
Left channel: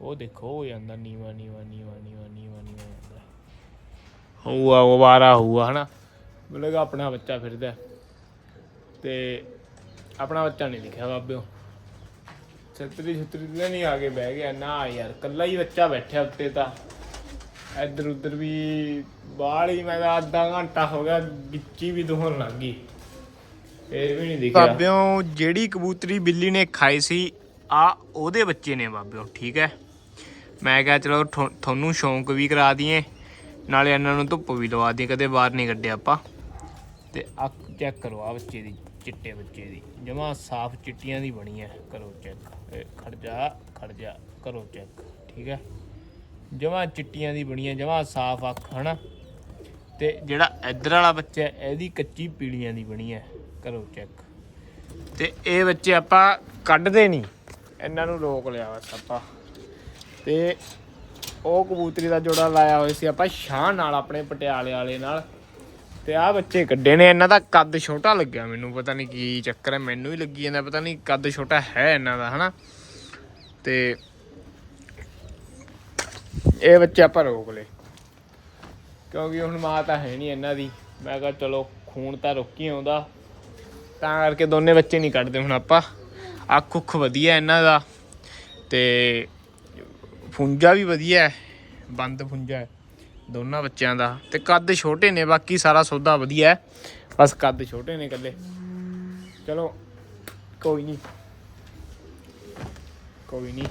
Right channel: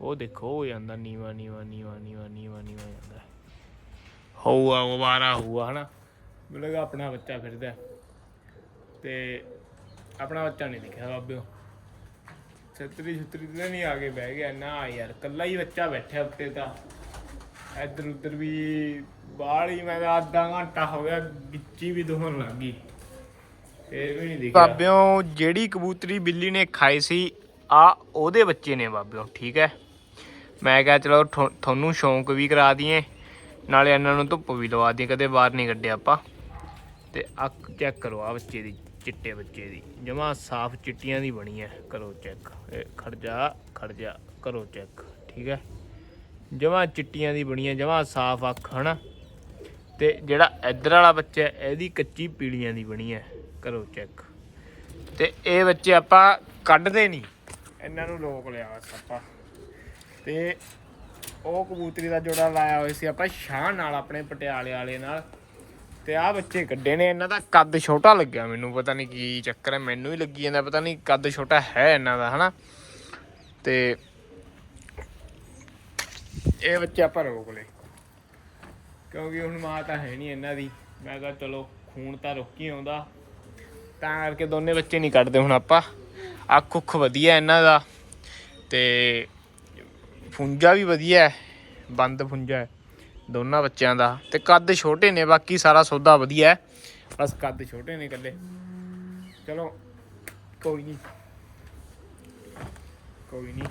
ਉਹ ਦੇਖੋ ਹੋ ਜਾਂਦਾ ਨੀਵਾ ਨੀਵਾ ਨੀਵਾ ਨੀਵਾ ਨੀਵਾ ਨੀਵਾ ਜਾਂਦਾ। ਉਹ ਵਾਰਾ ਹੋਊਗਾ ਹਨਾ? ਮੈਨੂੰ ਆਪਣਾ ਬੱਚਾ ਫਿਰਦਾ। ਤੇ ਆਪਣਾ ਬੱਚਾ ਨਹੀਂ ਦਿਖਿਆ ਬਾਬਿਓ। ਛਤਰੀ ਛਤਰੀ ਤੇ ਨਹੀਂ ਆ ਕੇ ਬਹਿ ਗਿਆ। ਨਾ ਯਾਰ ਕੱਲਾ ਹੀ ਬੱਚਾ ਬੈਠਿਆ ਉੱਤੇ ਤਾਂ। ਇੱਧਰ ਉੱਧਰ ਵੀ ਬਾਹਰ ਹੀ ਮੈਂ ਤਾਂ ਅੱਧਾ ਘੰਟਾ ਹੋ ਗਿਆ ਵਿੱਚੀ ਵੀ ਦੁਹਣ ਲੱਗ ਗਈ। ਫੇਰ ਵੀ ਨਹੀਂ ਦਿਖਿਆ। ਬਾਬਿਓ ਜਿਹੜੀ ਕਬੂਤਰੀ ਬਿੱਲੀ ਨੇ ਖਾਈ ਸੀ ਆ ਉਹਦੇ ਬੱਚੇ ਨੇ ਬਾਬਿਓ ਠੀਕ ਹੈ? ਮੈਂ ਕਿਹਾ ਚਲੋ ਥੋ- ਤੁਹਾਨੂੰ ਸ਼ੌਂਕ ਵੀ ਕਰਾ ਦਈਏ, ਨਾਲੇ ਇਹਨਾਂ ਨੂੰ ਧੁੱਪ ਵੀ ਲਵਾ ਦਈਏ, ਕਦੇ ਬਾਹਰ ਨਹੀਂ ਕੱਢਿਆ ਆਪਾਂ। ਤੇ ਅੱਖ ਚੈੱਕ ਕਰੋ ਆ ਬੱਚੇ ਦੀ, ਚਿੱਟੇ ਬੱਚੇ ਦੀ। ਜਮਾ ਸਾਫ਼ ਚਿੱਟੀਆਂ ਦੀ ਬਣੀ ਹੈ, ਕਰੋ ਚੈੱਕ ਇਹ ਖੜ ਜਾ ਖੜ ਜਾ, ਕਰੋ ਚੈੱਕ ਠੀਕ ਹੈ? ਜਮਾ ਚਿੱਟੀਆਂ ਦੀ ਬਣੀ ਹੈ, ਜਮਾ ਸਾਫ਼ ਅੱਖ, ਹਨਾ? ਤੇ ਜਿਹੜਾ ਇੱਧਰ ਵਾਲਾ ਬੱਚਾ ਇਹਦੀ ਕੱਚੀ ਪੀਲੀਆਂ ਦੀ ਬਣੀ ਹੈ, ਕਰੋ ਚੈੱਕ ਤੇ ਇਹ ਬੱਚੇ ਆਪਾਂ ਕੱਢਦੇ ਨਹੀਂ। ਇਹਨਾਂ ਨੂੰ ਰੋਕ ਲਿਆ ਬਸ ਆਪਾਂ। ਤੇ ਉਹ ਕਬੂਤਰੀ ਦਾ ਜੋੜਾ ਲਾਇਆ ਹੋਇਆ ਸੀ ਆਪਾਂ ਸ਼ਾਹ ਨਾਲ, ਆਪਣੇ ਪਟਿਆਲੇ ਵਾਲੇ ਨਾਲ। ਤੇ ਆਹ ਬੱਚੇ ਕੱਢੇ ਨੇ, ਇਹਨਾਂ ਦਾ ਕੱਦ ਛੋਟਾ ਲੱਗਿਆ ਮੈਨੂੰ, ਪਤਾ ਨਹੀਂ ਕੀ ਚੱਕਰ ਹੈ, ਮੈਨੂੰ ਹੀ ਲੱਗੀ ਜਾਂਦਾ, ਪਤਾ ਨਹੀਂ ਕੱਦ ਛੋਟਾ ਹੈ ਇਹਨਾਂ ਦਾ, ਹਨਾ? ਤੇ ਇਹ ਬੱਚੇ ਆਪਾਂ ਰੋਕ ਲਏ। ਕਿਉਂਕਿ ਹੁਣ ਮਾਂ ਤਾਂ ਹੈ ਨਹੀਂ ਇਹਨਾਂ ਦੀ। ਮੈਂ ਕਿਹਾ ਚਲੋ, ਖੂਨ ਤਾਂ ਰੋਕੀ ਆਉਂਦਾ। ਤਾਂ ਕਰਕੇ ਦੋਨੇ ਬੱਚੇ ਨਹੀਂ ਕੱਢਦੇ ਹੁਣ ਆਪਾਂ। ਅੱਖ ਉੱਖ ਵਧੀਆ ਇਹਨਾਂ ਦਾ। ਤੇ ਫੁੰਜਾ ਵੀ ਵਧੀਆ ਹੈ, ਬੰਦ ਫੁੰਜਾ ਹੈ ਦੋਨਾਂ ਬੱਚਿਆਂ ਦਾ ਤੇ ਕੱਦ ਛੋਟੇ ਨੇ, ਬਾਕੀ ਸਾਰਾ ਸੌਦਾ ਵਧੀਆ ਹੈ। ਬਸ ਕੱਦ ਛੋਟੇ ਨੇ ਇਕੱਲੇ। ਚਲੋ, ਕੋਈ ਨਹੀਂ। ਕੋਈ ਨਹੀਂ।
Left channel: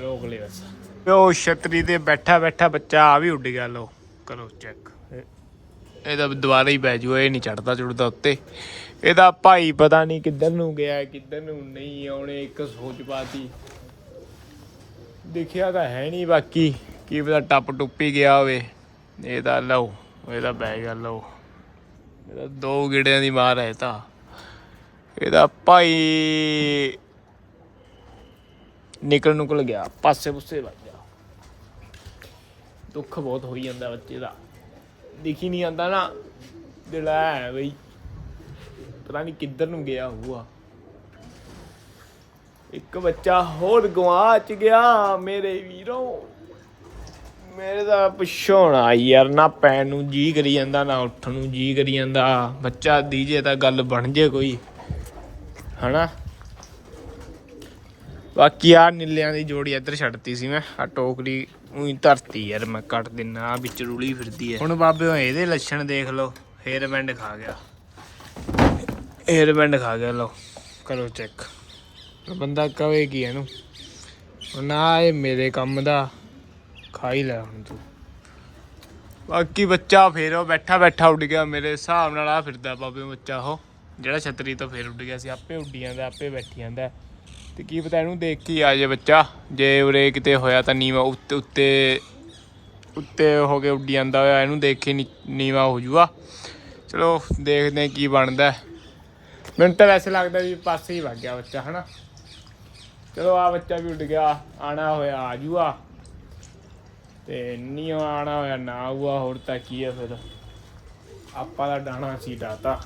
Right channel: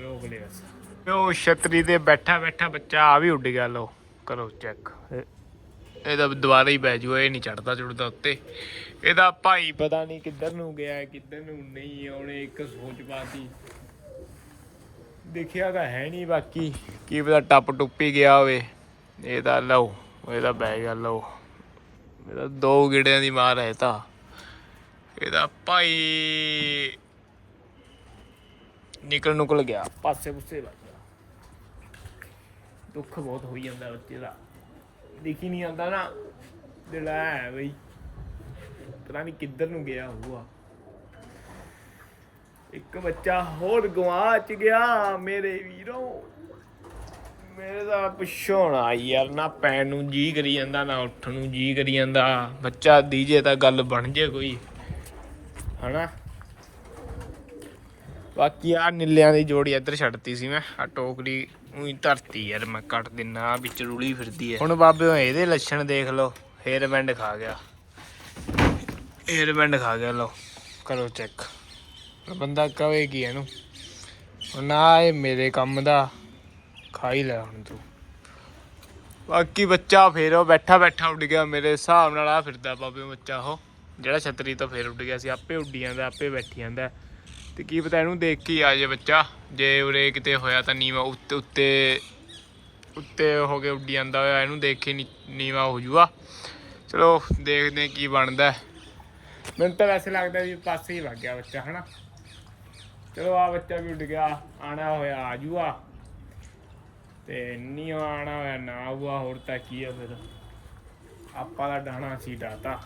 ਰੋਕ ਲੈ ਬਸ ਉਹ ਛਤਰੀ ਤੇ ਬੈਠਾ ਬੈਠਾ ਬੱਚਾ ਆ ਵੀ ਉੱਡ ਗਿਆ ਲੋ ਕਰੋ ਚੈੱਕ ਇਹਦਾ ਦੁਬਾਰਾ ਹੀ ਬਹਿ ਜੂਗਾ, ਇਹ ਨਹੀਂ ਚੜਦਾ ਚੁੜਦਾ ਉੱਤੇ। ਇਹਦਾ ਭਾਈ ਪਤਾ ਨਹੀਂ ਕਿੱਧਰ ਨੂੰ ਗਿਆ, ਕਿੱਧਰ ਨੂੰ ਨਹੀਂ ਆਉਣੇ, ਇੱਕ ਸੋਚ ਪਾਤੀ। ਦੇਖਿਆ ਤਾਂ ਹੈ ਨਹੀਂ ਬਾਕੀ। ਕੀ ਪਤਾ ਟੱਪ ਟੁੱਪੀ ਗਿਆ ਹੋਵੇ। ਇਹ ਤਾਂ ਲਓ ਇਹਦਾ ਬੈਗ ਆ ਲਓ। ਇਹਦਾ ਦੋ ਗਿੜਿਆਂ ਦੀ ਮਾਰ ਹੈ ਤਾਂ। ਇਹਦਾ ਭਾਈ ਨਿਕਲ ਨੁਕਲ ਗਿਆ, ਪਾਸੇ ਪੁੱਸੇ ਲੱਗ ਗਿਆ। ਦੁੱਖ ਬਹੁਤ ਹੋਈ ਜਾਂਦਾ ਬੱਚੇ ਦਾ। ਦਿਖੀ ਨਹੀਂ ਆਂਦਾ ਨਾ। ਦਿਲ ਹੈ ਬਈ, ਪਤਾ ਨਹੀਂ ਕਿੱਧਰ ਨੂੰ ਗਿਆ ਹੋਊਗਾ। ਇੱਕ ਬੱਚਾ ਹੋਰ ਗਵਾਚ ਗਿਆ, ਮੇਰੇ ਵੀਰੋ। ਮੇਰੇ ਦਾ ਪਿੱਛੋਂ ਨਾ ਯਾਰ, ਨਾ ਪੈਣ ਨੂੰ ਜੀ ਕਰੀ ਜਾਂਦਾ, ਨਾ ਉੱਠਣ ਨੂੰ ਜੀ ਕਰੀ ਜਾਂਦਾ। ਬੱਚਾ ਦੀਜੇ ਤਾਂ ਗੱਲ ਬਣ ਜੇ ਕੋਈ, ਹਨਾ? ਬਾਕੀ ਆ ਨੀਲਿਆਂ ਦੀ ਜੋੜੀ ਇੱਧਰ ਛੱਡਤੀ ਸੀ ਮੈਂ ਆ ਟੋਕਰੀ ਉਹੀ ਧਰਤੀ ਯਾਰ, ਮੈਂ ਕੱਟ ਦਿੰਨਾ, ਆਹ ਵਿੱਚ ਰੁਲੀ ਫਿਰਦੀ ਹੈ ਹੁਣ ਬਾਬੇ ਇਹਦੇ ਲੱਛਣ ਦੇਖ ਲਓ ਹੇਅਰ ਬੈਂਡ ਖਾ ਗਿਆ। ਹੇਅਰ ਬੈਂਡ ਖਾ ਗਿਆ, ਲਓ, ਕਰੋ ਚੈੱਕ। ਬੰਦਾ ਕਵੇ ਕੀ ਇਹਨੂੰ? ਨਾ ਇਹ ਮੇਰੇ ਕੰਮ ਦਾ ਖਾ ਹੀ ਲੈ ਹੁਣ ਤੂੰ। ਬਾਕੀ ਬੱਚਾ ਫੇਰ ਉਹ ਬੈਠਾ ਬੈਠਾ ਉੱਡ ਗਿਆ, ਮੇਰੇ ਹਿਸਾਬ ਨਾਲ ਆ ਫਿਰਦਾ ਬਾਬੇ ਬੱਚਾ ਉਹ। ਜਿਹੜਾ ਛਤਰੀ ਤੋਂ ਫੇਰ ਉੱਡ ਗਿਆ ਸੀ, ਆਪੇ ਉੱਡੀ ਜਾਂਦਾ, ਆਪੇ ਬੈਠੀ ਜਾਂਦਾ। ਤੇ ਕੀ ਪਤਾ ਇਹਨੂੰ ਦੇਖ ਕੇ ਆ ਜੇ ਬੱਚਾ। ਜੇ ਉਰੇ ਕਿਤੇ ਹੋਇਆ ਤਾਂ ਨੀਵਾ ਉੱਤੇ ਉੱਤੇ ਉੱਤੇ ਹੋ ਕੇ ਉੱਡੀ ਜਾਂਦਾ ਹੋਇਆ, ਇਹਨੂੰ ਦੇਖ ਕੇ ਨੀ- ਨੀਵਾ ਹੋ ਜੂਗਾ। ਚਲੋ ਦੇਖਦੇ ਕੀ ਬਣਦਾ। ਮੈਨੂੰ ਤਾਂ ਵੈਸੇ ਲੱਗਦਾ ਵੀ ਪਾਸੇ ਹੀ ਵਗ ਗਿਆ ਬੱਚਾ, ਹਨਾ? ਚਲੋ ਆ ਬੱਚਾ ਵੀ ਉੱਡ ਗਿਆ ਆਣਾ ਹੋਇਆ ਆ ਜੂਗਾ ਤੇ ਨਹੀਂ ਆਣਾ ਹੋਇਆ ਨਾ ਆਊਗਾ ਹੋਰ ਤਾਂ ਕੀ ਆ ਫਿਰ। ਆਪਾਂ ਦਾ ਡਾਣਾ ਸੀ ਡਾਤਾ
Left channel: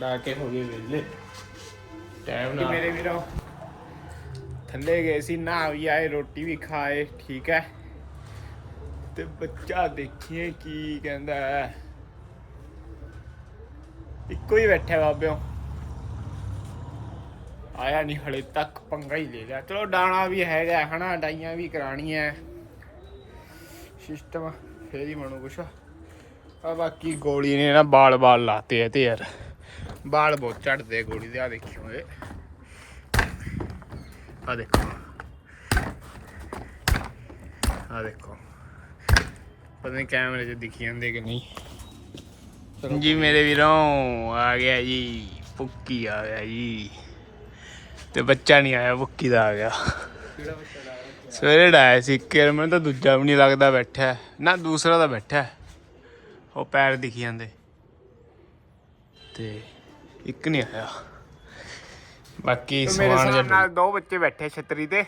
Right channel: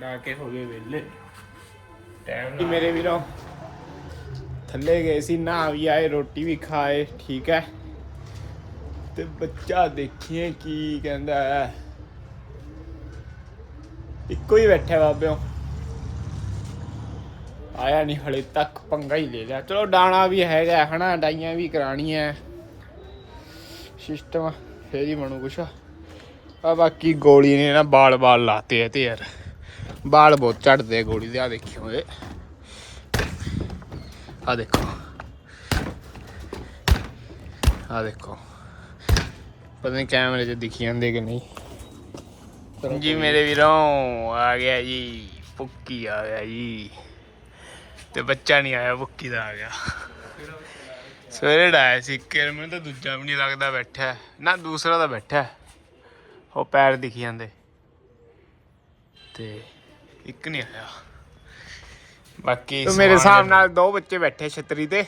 ਡਾ ਕੇ ਹੋ ਗਏ ਵੇਲੇ ਟਾਈਮ ਨਾਲ ਮੇਰੇ ਵੀਰੋ? ਥੱਲੇ ਗਏ ਸੀ ਨਾ ਵੀ ਆਏ ਰੋਟੀ ਵੀ ਖਾਏ ਠੀਕ ਹੈ ਤੇ ਬੱਚਾ ਦੇਖੀਏ ਕੀ ਕਹਿੰਦਾ ਇੱਕੋ ਹੀ ਬੈਠਾ ਬਾਬਿਓ। ਆਇਆ ਨਹੀਂ ਹਲੇ ਤੱਕ, ਪੰਗਾ ਹੀ ਲੈ ਲਿਆ। ਚਲੋ ਡਾਣਾ ਵੀ ਹੈਗਾ, ਹਨਾ ਡਾਈਆਂ ਵੀ ਕਰਾਣੀਆਂ ਸਿਸਟਮ ਫੇਰ ਹੀ ਬਣੂ ਕੁਛ। ਆ ਬਾਕੀ ਗੋਲੀ ਨੇ ਨਾ ਬਾਲ ਬਾਲ ਲਾਤੇ ਐ ਤੇ ਯਾਰ। ਬਾਲ ਬਹੁਤ ਝੜਦੇ ਆ ਗੋਲੀ ਦੇ ਆ ਦੇਖਿਓ ਏ ਆ ਦੇਖੋ। ਆ ਦੇਖੋ। ਪਤਾ ਨਹੀਂ ਕੈਮਰੇ 'ਚ ਦਿਖੀ ਜਾਂਦੇ ਕਿ ਨਹੀਂ। ਜੀ ਮੇਰੇ ਵੀਰੋਂ ਆ ਗਿਆ ਜੀ, ਪੁੱਕੀ ਆ ਗਿਆ ਜੀ। ਤੇ ਬੱਚਾ ਨਹੀਂ ਆਇਆ ਪੁੱਕੀ ਦਾ ਆ ਗਿਆ। ਸਵੇਰੇ ਡਾਇਆ ਸੀ ਇੱਕ ਯਾਰ ਮੈਨੂੰ ਤਾਂ ਦੂਜਾ ਵੀ ਨਹੀਂ ਲੱਗਦਾ ਬੈਠਾ। ਨਾ ਦੂਸਰਾ ਤਾਂ ਬੈਠਾ। ਉਹ ਪੈਰ ਦਿਖੀ ਜਾਂਦੇ। ਤੇ ਇੱਕ ਨਹੀਂ ਆਇਆ। ਬਾਕੀ ਮੇਰੇ ਹਿਸਾਬ ਨਾਲ ਦੋ ਬੱਚੇ ਬੈਠੇ ਛਤਰੀ ਤੇ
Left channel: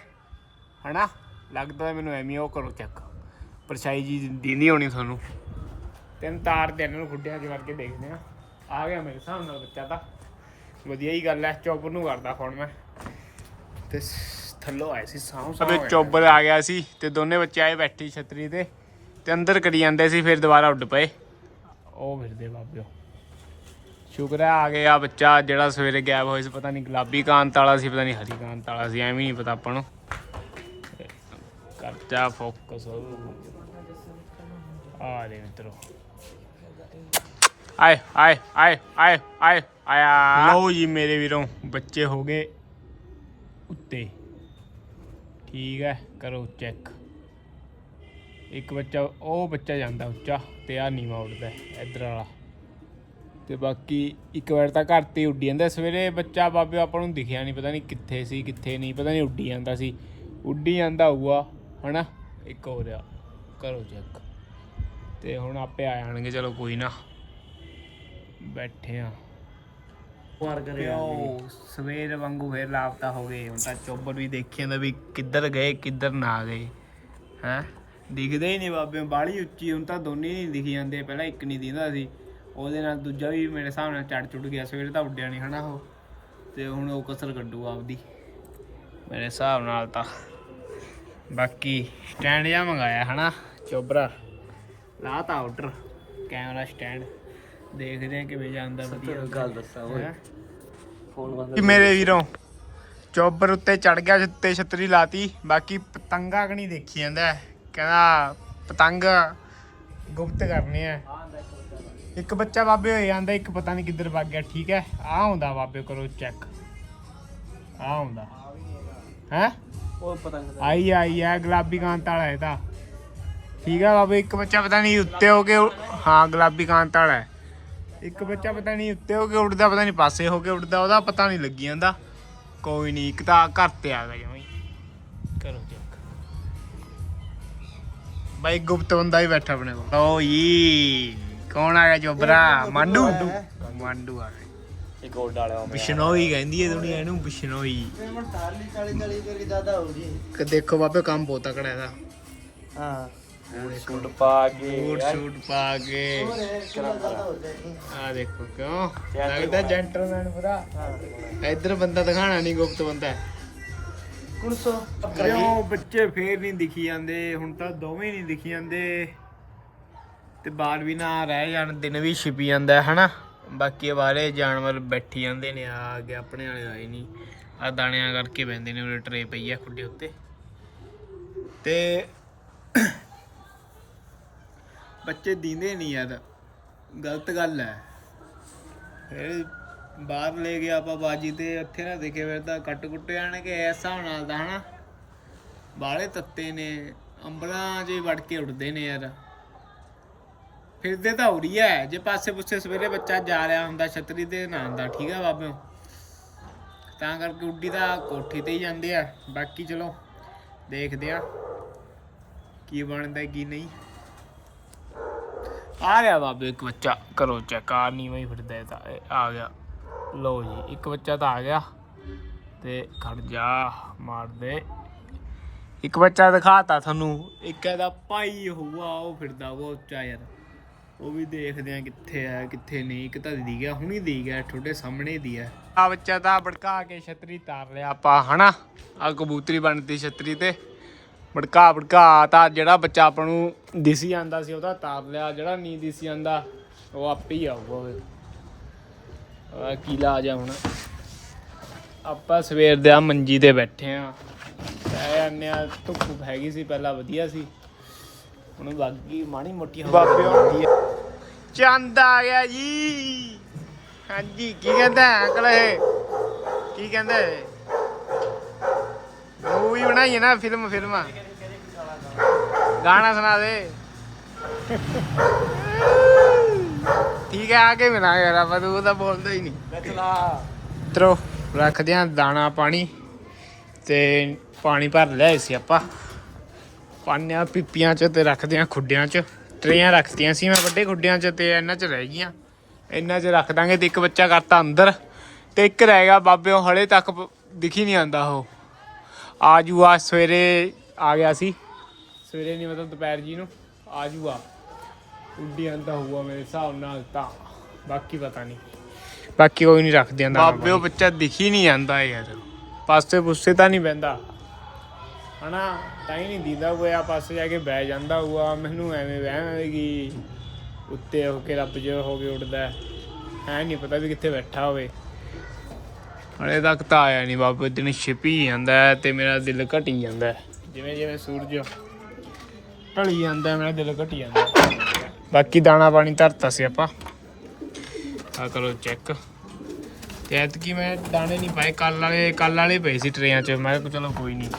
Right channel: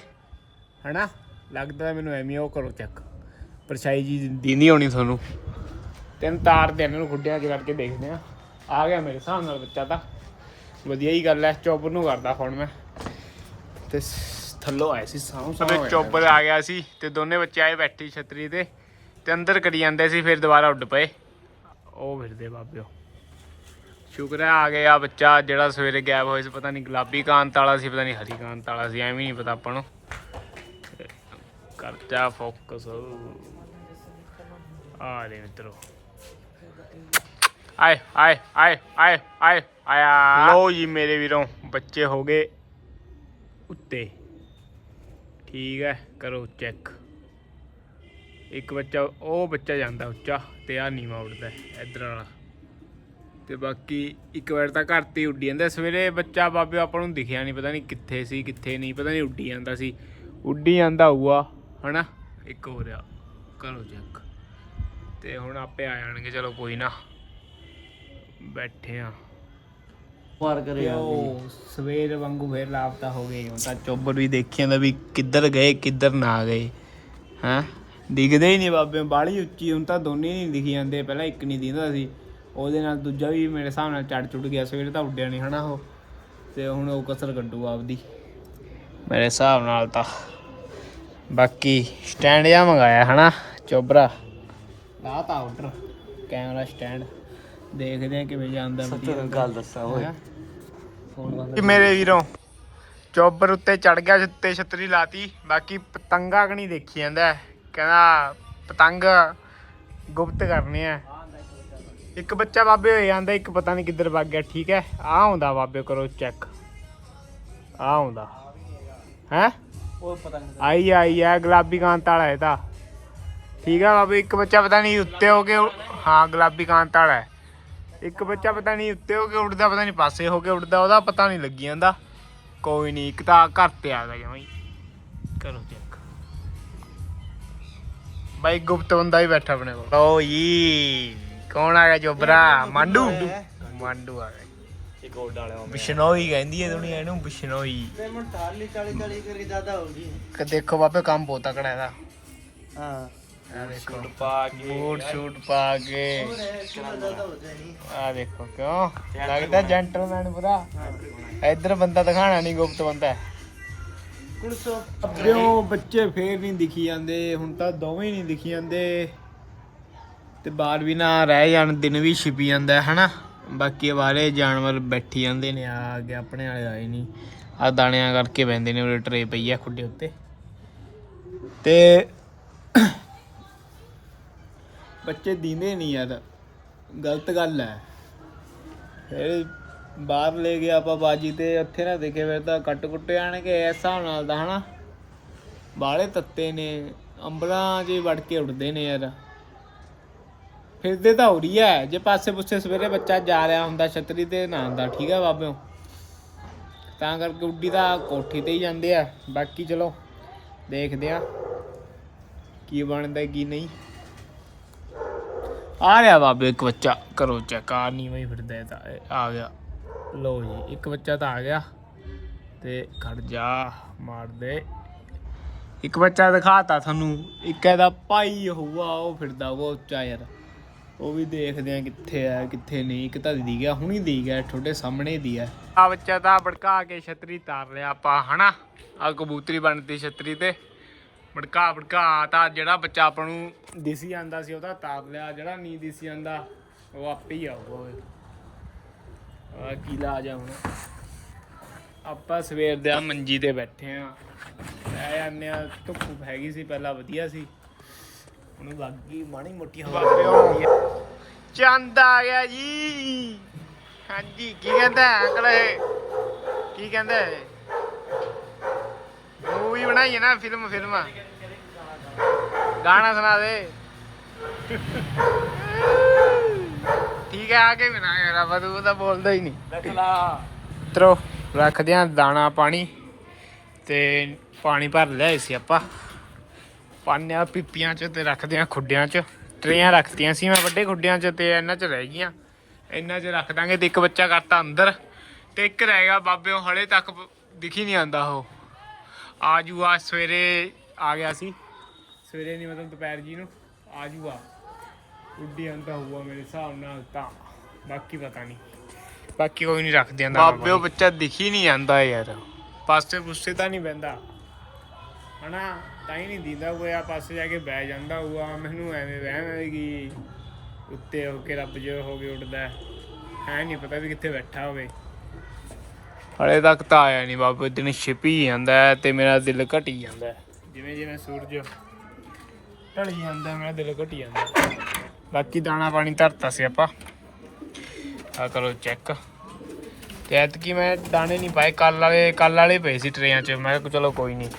ਹਨਾ? ਲੱਗਦਾ ਮੈਨੂੰ ਐਵੇਂ ਉਹ ਕਰੋ ਚੱਕ ਪਰਛਾਈ ਜੀ ਦੀ ਨਹੀਂ ਹੋਣੀ ਤੁਹਾਨੂੰ। ਤਿੰਨ ਤਾਰ ਦੇ ਇਹਨਾਂ ਨੂੰ ਖੁੱਡਿਆਂ 'ਚ ਕਰਕੇ ਦੇਖਦੇ ਆ। ਆ ਗਿਆ ਮੇਰੇ ਹਿਸਾਬ ਨਾਲ ਬੱਚਾ ਤਾਂ। ਵਧੀਆ ਹੀ ਗੱਲ ਹੈ ਚੌਪਰ ਨੂੰ ਕਰਦਾ ਫੋਨ ਮੈਂ। ਤੇ ਥੱਲੋਂ ਆਏ ਸੀ ਸਾਹ ਸਾਹ ਉਹਦੇ ਚੋਬਰ ਆ ਗਿਆ ਸੀ ਤੇ ਦੋਨੇ ਬੱਚੇ ਆਏ ਬੈਠੀ ਛਤਰੀ ਤੇ ਤੇ ਅੰਦਰ ਕਰੀ ਜਾਂਦੇ ਸੀ ਫਿਰ ਦੁਬਾਰਾ ਉੱਡ ਪਏ। ਉਹ ਫਿਰਦੇ ਬਾਬਿਓ। ਸ਼ੁਕਰ ਹੈ ਆ ਗਿਆ ਬੱਚਾ ਜਿਹੜਾ ਸਵੇਰੇ ਗਾਇਬ ਹੋਇਆ ਸੀ ਪਤਾ ਨਹੀਂ ਗੁਲਾਬੀ ਕਾਂਤ ਵਾਲਾ ਸੀ ਪਤਾ ਨਹੀਂ ਹਰੀ ਕਾਂਤ ਵਾਲਾ ਸੀ ਐਵੇਂ ਨਹੀਂ ਪਤਾ ਆਪਾਂ ਨੂੰ। ਤੇ ਕਰਜਾ ਫੋਕਸ। ਆ ਦੇ ਮਿੱਤਰੋ। ਆਏ ਆਏ ਆਏ ਆਏ ਆਏ ਆਇਆ। ਲਓ ਜੀ ਮੇਰੇ ਵੀਰੋਂ। ਬੱਚੇ ਹੋ ਗਏ। ਉੱਤੇ। ਠੀਕ ਹੈ ਕਰੋ ਚੈੱਕ। ਇੱਕ ਬੱਚਾ ਉਹ ਬੱਚਾ ਜਾਂਦਾ ਉੱਚਾ ਤੇ ਆ ਨੀਵਾ ਉੱਡਦਾ ਹੈ, ਇੱਧਰ ਵਾਲਾ। ਤੇ ਬਾਕੀ ਇੱਕ ਵਾਰ ਤਾਂ ਘਰ ਤੇ ਉੱਡੀ ਜਾਂਦਾ। ਸਵੇਰੇ ਬੱਚਾ ਬਾਬੇ ਆਪਾਂ ਨੂੰ ਦਿਖਿਆ ਨਹੀਂ ਪਤਾ ਨਹੀਂ ਕਿੱਥੇ ਸੀ ਕਿੱਥੇ ਨਹੀਂ ਪਤਾ ਨਹੀਂ ਉੱਡੀ ਜਾਂਦਾ ਸੀ। ਉੱਡੀ ਜਾਂਦਾ ਹੋਊਗਾ ਹਨਾ? ਇੱਕ ਹੋ ਰਿਹਾ ਕਰੋ ਚੈੱਕ। ਤੇ ਹੁਣ ਆਪੇ ਆ ਜਾਣਗੇ ਚਲੋ ਕੋਈ ਨਾ। ਬੈਠੇ ਆ। ਵਾਰ ਕਰੇ ਪਿਓ ਸਵੇਰ ਵਾਂਗੂ ਫੇਰ ਲਾਪਤਾ ਹੋ ਗਏ। ਹੁਣ ਤਾਂ ਚੋਬਰ ਵੀ ਦੇਖੀ ਜਾਂਦਾ ਵੀ ਕਿੱਧਰ ਗਏ ਕਿੱਧਰ ਨਾ ਗਏ। ਹਾਂ? ਦਿਖਦੇ ਹੀ ਨਹੀਂ ਬਾਬੇ ਬਾਲੀ ਉੱਚੀ ਹੁਣ ਤਾਂ ਦੋਨੇ ਨਹੀਂ ਦਿਖੀ ਜਾਂਦੇ। ਪਹਿਲਾਂ ਇੱਕ ਨਹੀਂ ਦਿਖਦਾ ਸੀ। ਉਹਦੇ ਨਾਲ ਦੂਜਾ ਵੀ ਮੇਰੇ ਹਿਸਾਬ ਨਾਲ ਚੜ ਚੁੜ ਗਿਆ ਸਵੇਰੇ ਤਾਂ ਉੱਡਿਆ ਨਹੀਂ ਹਨਾ ਉਹ। ਤੇ ਹੁਣ ਉਹ ਕਸਰ ਕੱਢੂ ਆਪਦੀ। ਮੇਰੇ ਹਿਸਾਬ ਨਾਲ ਤਾਂ ਬਾਕੀ ਸਟੈਂਡ ਜਾਂ ਮੰਗਾਇਆ ਹਨਾ ਚੋਬਰਾ। ਲਾਤਾ ਆਰਡਰ ਕੈਮਰਾ ਸਟੈਂਡ ਦੇਖਦੇ ਆ ਕਿਵੇਂ ਜਾਂਦਾ ਵਧੀਆ ਗੱਲ ਦੱਸਾਂ ਓਏ। ਹੈਂ? ਕਿ ਮੇਰੇ ਵੀਰੋਂ ਚੋਬਰ ਉੱਤੇ ਚੜ ਗਿਆ ਉੱਤੇ ਛਤਰੀ ਲਾਤੀ ਬਾਕੀ ਪਤੰਗਾ ਕਣੀ ਦੇਖੀ ਜਾਂਦਾ ਹੈ। ਕਹਿੰਦਾ ਪਤੰਗ ਗੁਪਤ ਕਰਨੇ ਆ। ਇੱਕ ਬੱਚਾ ਬਾਬੇ ਹੋ ਜਾਂਦਾ ਇੱਕ ਪਤਾ ਨਹੀਂ ਕਿੱਧਰ ਭੱਗ ਗਿਆ ਠੀਕ ਹੈ? ਆ ਹੁੰਦਾ ਬਾਬੇ ਕਰੋ ਚੈੱਕ ਆ ਹੁੰਦਾ ਹੈ? ਉਹ ਪਤੰਗ ਆਈ ਆਈ ਆ ਗੁਲਾਬੀ ਕਾਂਤ ਵਾਲਾ ਇਹ ਤਾਂ। ਠੀਕ ਆ ਬਾਬੇ ਇੱਕ ਬੱਚਾ ਪਤਾ ਨਹੀਂ ਉੱਤੇ ਹੋ ਕੇ ਹਾਂ ਗੁਲਾਬੀ ਕਾਂਤ ਵਾਲਾ ਹੈ। ਇੱਕ ਬੱਚਾ ਪਤਾ ਨਹੀਂ ਉੱਤੇ ਹੋ ਕੇ ਉੱਡਦਾ ਪਤਾ ਨਹੀਂ ਪਾਸੇ ਹੋ ਕੇ ਉੱਡਦਾ ਉਹਦਾ ਪਤਾ ਨਹੀਂ ਲੱਗੀ ਜਾਂਦਾ। ਕੋਈ ਨਹੀਂ ਇੱਕ ਤਾਂ ਘਰ ਤੇ ਆ ਗਿਆ ਜਮਾਂ ਹੀ ਕਰੋ ਚੈੱਕ ਬਾਈ ਗੁਪਤ ਬੰਦਾ ਹੀ ਬੈਠਾ ਆਪਣੇ ਕੋਲ। ਓ ਜੀ ਕੌਣ ਆ ਗਿਆ ਚੋਬਰਾ ਮਾਂਡੂ। ਮਾਂਡੂ ਆ ਗਿਆ। ਇੱਕ ਹੋਰ ਡਾਲਿਆ ਬਿਸ਼ਨੋਈ ਕਹਿੰਦੀ ਹੈ ਦੁਨੀਆ ਇਹਨੂੰ ਬਿਸ਼ਨੋਈ। ਪੇਮੈਂਟ 40 40 40 ਕਰਕੇ ਜ਼ਿਆਦਾ ਹੋਊਗੀ ਕਿ ਦੇਖੋ ਬਾਬੇ ਕੰਮ ਬਹੁਤ ਤਕੜਾ ਇਹਦਾ। ਹਾਂ ਆ ਦੇਖੋ। ਪਾ ਕੇ ਬੂਟ ਸ਼ੂਟ ਪਾ ਕੇ। ਜ਼ਿਆਦਾ ਹੋ ਜਾਏਗੀ ਆ ਦੇਖੋ ਕਿਉਂ? ਲੱਗਦਾ ਜੈਂਟਲਮੈਨ ਪੂਰਾ ਇੱਧਰ ਬੰਦਾ ਦਿਖਾਣਾ ਨਹੀਂ ਗੁਪਤ ਬੰਦਾ। ਕੁਰਸੋ ਪਿਓ ਬੱਚੇ ਫੇਰ ਨਹੀਂ ਦਿਖੀ ਜਾਂਦੇ? ਹੁਣ ਤਾਂ ਦੋਵੇਂ ਨਹੀਂ ਦਿਖੀ ਜਾਂਦੇ। ਤੇ ਬਾਹਰ ਵੀ ਨਾ ਰਹਿ ਜਾਣ ਦਿਨ ਵੀ ਛਿਪੀ ਜਾਂਦਾ ਹੈ ਹਨਾ? ਬਾਕੀ ਬਾਹਰੇ ਜਾਨਵਰ ਬੈਠੀ ਜਾਂਦੇ ਨੇ ਆ ਅੱਗੇ ਆਪਣੇ ਵਾਲੇ ਆਏ ਨਹੀਂ। ਆ ਦਾਣਿਆਂ ਕਰਕੇ ਬੈੰਦੇ ਨੇ ਉਹ ਟਰੇ ਪਈ ਆ ਖੁੱਡੇ ਉੱਤੇ। ਤੇ ਬੱਚੇ ਦੀਂਦੇ ਨਹੀਂ ਯਾਰ ਗਲਤ ਗੱਲ ਹੈ। ਫਿਰ ਬਾਹਰ ਲੈ ਗਿਆ ਆਪਾਂ ਬਾਜੀ ਤੇ, ਉੱਥੇ ਨਾ ਦੇਖੇ ਫਿਰ ਤਾਂ ਕੱਟ ਕੁੱਟ ਜਾਣਗੇ ਇਸ ਹਿਸਾਬ ਨਾਲ ਤਾਂ, ਹਨਾ। ਬਾਹਲੇ ਤੱਤੇ ਨੇ, ਅੰਬਲਾਂ 'ਚ ਵੜ ਕੇ ਉੱਡਦੇ ਨੇ ਯਾਰ। ਫਿਰਦੇ ਤਾਂ ਹੋ ਰਹੀ ਹੈ, ਜੇ ਪਾਸੇ ਪੁੱਸੇ ਸਵੇਰੇ ਬੱਚਾ ਜਾ ਰਿਹਾ ਹੁੰਦਾ ਛਤਰੀ ਤੇ, ਨਾ ਆਉਂਦਾ ਠੀਕ ਹੈ ਬਾਬਿਓ। ਤਾਂ ਕਰਕੇ ਉੱਡੀ ਤਾਂ ਕੋਠੀ ਤੇ ਹੀ ਜਾਂਦੇ ਆ। ਬਾਕੀ ਚਲੋ, ਦੇਖਦੇ ਆ ਕੀ ਬਣਦਾ, ਕੀ ਨਹੀਂ। ਆ ਰਿਹਾ ਬਾਬੇ, ਇੱਕ ਬੱਚਾ। ਕਰੋ ਚੈੱਕ ਆ ਨਹੀਂ ਵਈ ਫਿਰਦਾ ਇਹ ਤਾਂ, ਇਹ ਆ ਗਿਆ। ਲੋ ਜੀ, ਇੱਕ ਬੱਚਾ ਤਾਂ ਆ ਗਿਆ। ਤੇ ਖੜ ਜਾ, ਮਾਰ ਦੇ। ਇੱਕ ਬੱਚਾ ਦਿਖਾਤਾ ਤੁਹਾਨੂੰ, ਇੱਕ ਇਹਦਾ ਭਾਈ ਹੋਊਗਾ, ਉਹ ਫਿਰਦਾ ਉਹ ਉੱਚਾ ਯਾਰ। ਉਹ ਵੀ ਦੇਖਦੇ ਆ ਕਿੱਥੇ ਆ, ਕਿੱਥੇ ਨਹੀਂ। ਇੱਕ ਤਾਂ ਦੀ ਗਿਆ, ਹੁਣੀ ਦੀ ਗਿਆ, ਤੁਹਾਡੇ ਸਾਹਮਣੇ ਦੀ ਆ ਆ ਬੱਚਾ ਤਾਂ ਭੜਕਾ ਕੇ ਛਤਰੀ ਤਾਰ ਲਿਆ ਆਪਾਂ, ਹਨਾ? ਆ ਕਬੂਤਰੀ ਬਣਦੀ ਛਤਰੀ ਤੇ। ਭੜਕਾ ਭੜਕਾ ਤਾਂ ਜਿਹੜਾ ਬੱਚਾ ਆਪਾਂ ਨੂੰ ਦਿਸੀ ਜਾਂਦਾ ਸੀ ਉਹਦਾ ਤਾਰ ਲਿਆ ਜਿਹੜਾ ਨਹੀਂ ਦਿਸੀ ਜਾਂਦਾ ਉਹ ਆਪੇ ਹੀ ਆਊਗਾ ਓਏ ਆ ਕੀ ਲਾ ਜਾ ਹੁਣ। ਆਪਾਂ ਸਵੇਰ ਦੇ ਆ ਮੰਜੀ ਤੇ ਬੈਠੇ ਆ। ਪੈ ਜਾਂਦੇ ਆ ਧੁੱਪ ਹੈਗੀ ਸੀ ਪਹਿਲਾਂ ਵਧੀਆ ਸੀ। ਹੁਣ ਬਾਕੀ ਮਾਣੀ ਮੋਟੀ ਹਵਾ। ਬਾਬਿਓ। ਚੰਦ ਆ ਗਿਆ ਜੀ। ਹਾਂਜੀ ਕੀ ਕਹਿੰਦਾ ਅੰਕਲ ਇਹ? ਕੀ ਕਹਿੰਦਾ ਇਹ? ਮੂਵੀ ਬਣਾਈ ਹੈ ਨਾ ਫਿਲਮ ਫਿਲਮ। ਗਾਣਾ ਸੁਣਾ ਦੇ। ਠੀਕ ਹੈ, ਆ ਕੇ ਮਿਲਾਂਗੇ ਯਾਰ ਤੂੰ ਤਾਂ ਬੋਲਦਾ ਹੀ ਨਹੀਂ। ਤਰੋ ਰੱਖਦੇ ਆ ਦਾਣਾ, ਪਾਣੀ ਤੇ ਪਾਣੀ ਭਰ ਲਿਆ ਸੀ ਆਪਾਂ। ਪਾਉਂਦੇ ਪੀਪੀਆਂ ਚ ਤੇ ਰੱਖਦੇ ਆ ਖੁੱਡਿਆਂ ਚ। ਟਰੇਆਂ ਰੱਖਤੀਆਂ ਸੀ ਮੈਂ ਵੱਡੇ ਖੁੱਡਿਆਂ ਚ ਤੇ ਇਹਨਾਂ ਚ ਰਹਿ ਗਈਆਂ। ਇਹਨਾਂ ਚ ਰੱਖ ਦਾਂਗੇ ਤੇ ਇੱਕ ਬੱਚਾ ਕਰਤਾ ਅੰਦਰ ਤੇ ਇੱਕ ਰਹਿ ਗਿਆ, ਬਾਬਿਓ ਹਲੇ ਤੱਕ ਦਿਖੀ ਨਹੀਂ ਆਂਦਾ ਉਹ। ਆਜੂ ਆ ਸਵੇਰੇ ਆ ਗਿਆ ਸੀ। ਸਵੇਰੇ ਨਹੀਂ ਮਤਲਬ ਦੁਪਹਿਰ ਜੀ ਨੂੰ। ਆਜੂ ਆ। ਉੱਡੀ ਆਂਦਾ ਹੁਆ ਮੇਰੇ ਹਿਸਾਬ ਨਾਲ ਤਾਂ। ਬਾਕੀ ਪਤਾ ਨਹੀਂ। ਬਾਕੀ ਕੋਈ ਨਹੀਂ ਰੱਖਦੇ ਆਂਦਾ ਬਾਬਿਓ ਬੱਚਾ ਦਿਖੀ ਨਹੀਂ ਜਾਂਦਾ ਯਾਰ। ਪਾਸੇ ਪੁੱਸੇ ਤਾਂ ਨਹੀਂ ਬੈੰਦਾ ਹਨਾ ਤਾਂ ਹੀ ਨਹੀਂ ਦਿੰਦਾ ਹੋਇਆ। ਪਾਸੇ ਜਾ ਕੇ ਬਹਿ ਜਾਂਦਾ ਹੋਊਗਾ। ਮੈਨੂੰ ਐਵੇਂ ਵਹਿਮ ਹੈ ਕਿ ਉੱਤੇ ਹੋ ਕੇ ਰੱਬ ਜੋ ਹੋ ਕੇ ਉੱਡਦਾ। ਹੈ ਨਹੀਂ ਪਤਾ ਵੀ ਕਿੱਥੇ ਬੈਠਾ ਹੋਵੇ। ਹਲੇ ਤੱਕ ਤਾਂ ਆਇਆ ਨਹੀਂ ਬਾਬੇ ਦਿਨ ਛਿਪੀ ਜਾਂਦਾ ਤੇ ਮੇਰਾ ਦਿਲ ਘਟੀ ਜਾਂਦਾ। ਜਿਵੇਂ ਜਿਵੇਂ ਸੂਰਜ ਢਲੀ ਜਾਂਦਾ ਮੇਰਾ ਦਿਲ ਘਟੀ ਜਾਂਦਾ ਬਾਕੀ ਦਾਣਾ ਪਾਣੀ ਧਰਤਾ ਸੀ ਆਪਾਂ। ਆ ਕਰੋ ਚੈੱਕ ਤੇ ਐਤਕੀ ਮੈਂ ਦਾਣੇ ਨਹੀਂ ਪਾਏ ਕੱਲ ਵਾਲੇ ਕੱਲ ਵਾਲੇ ਪਏ ਸੀ ਟਰੇਆਂ 'ਚ। ਮੈਂ ਕਿਹਾ ਚਲੋ ਕੋਈ ਨਹੀਂ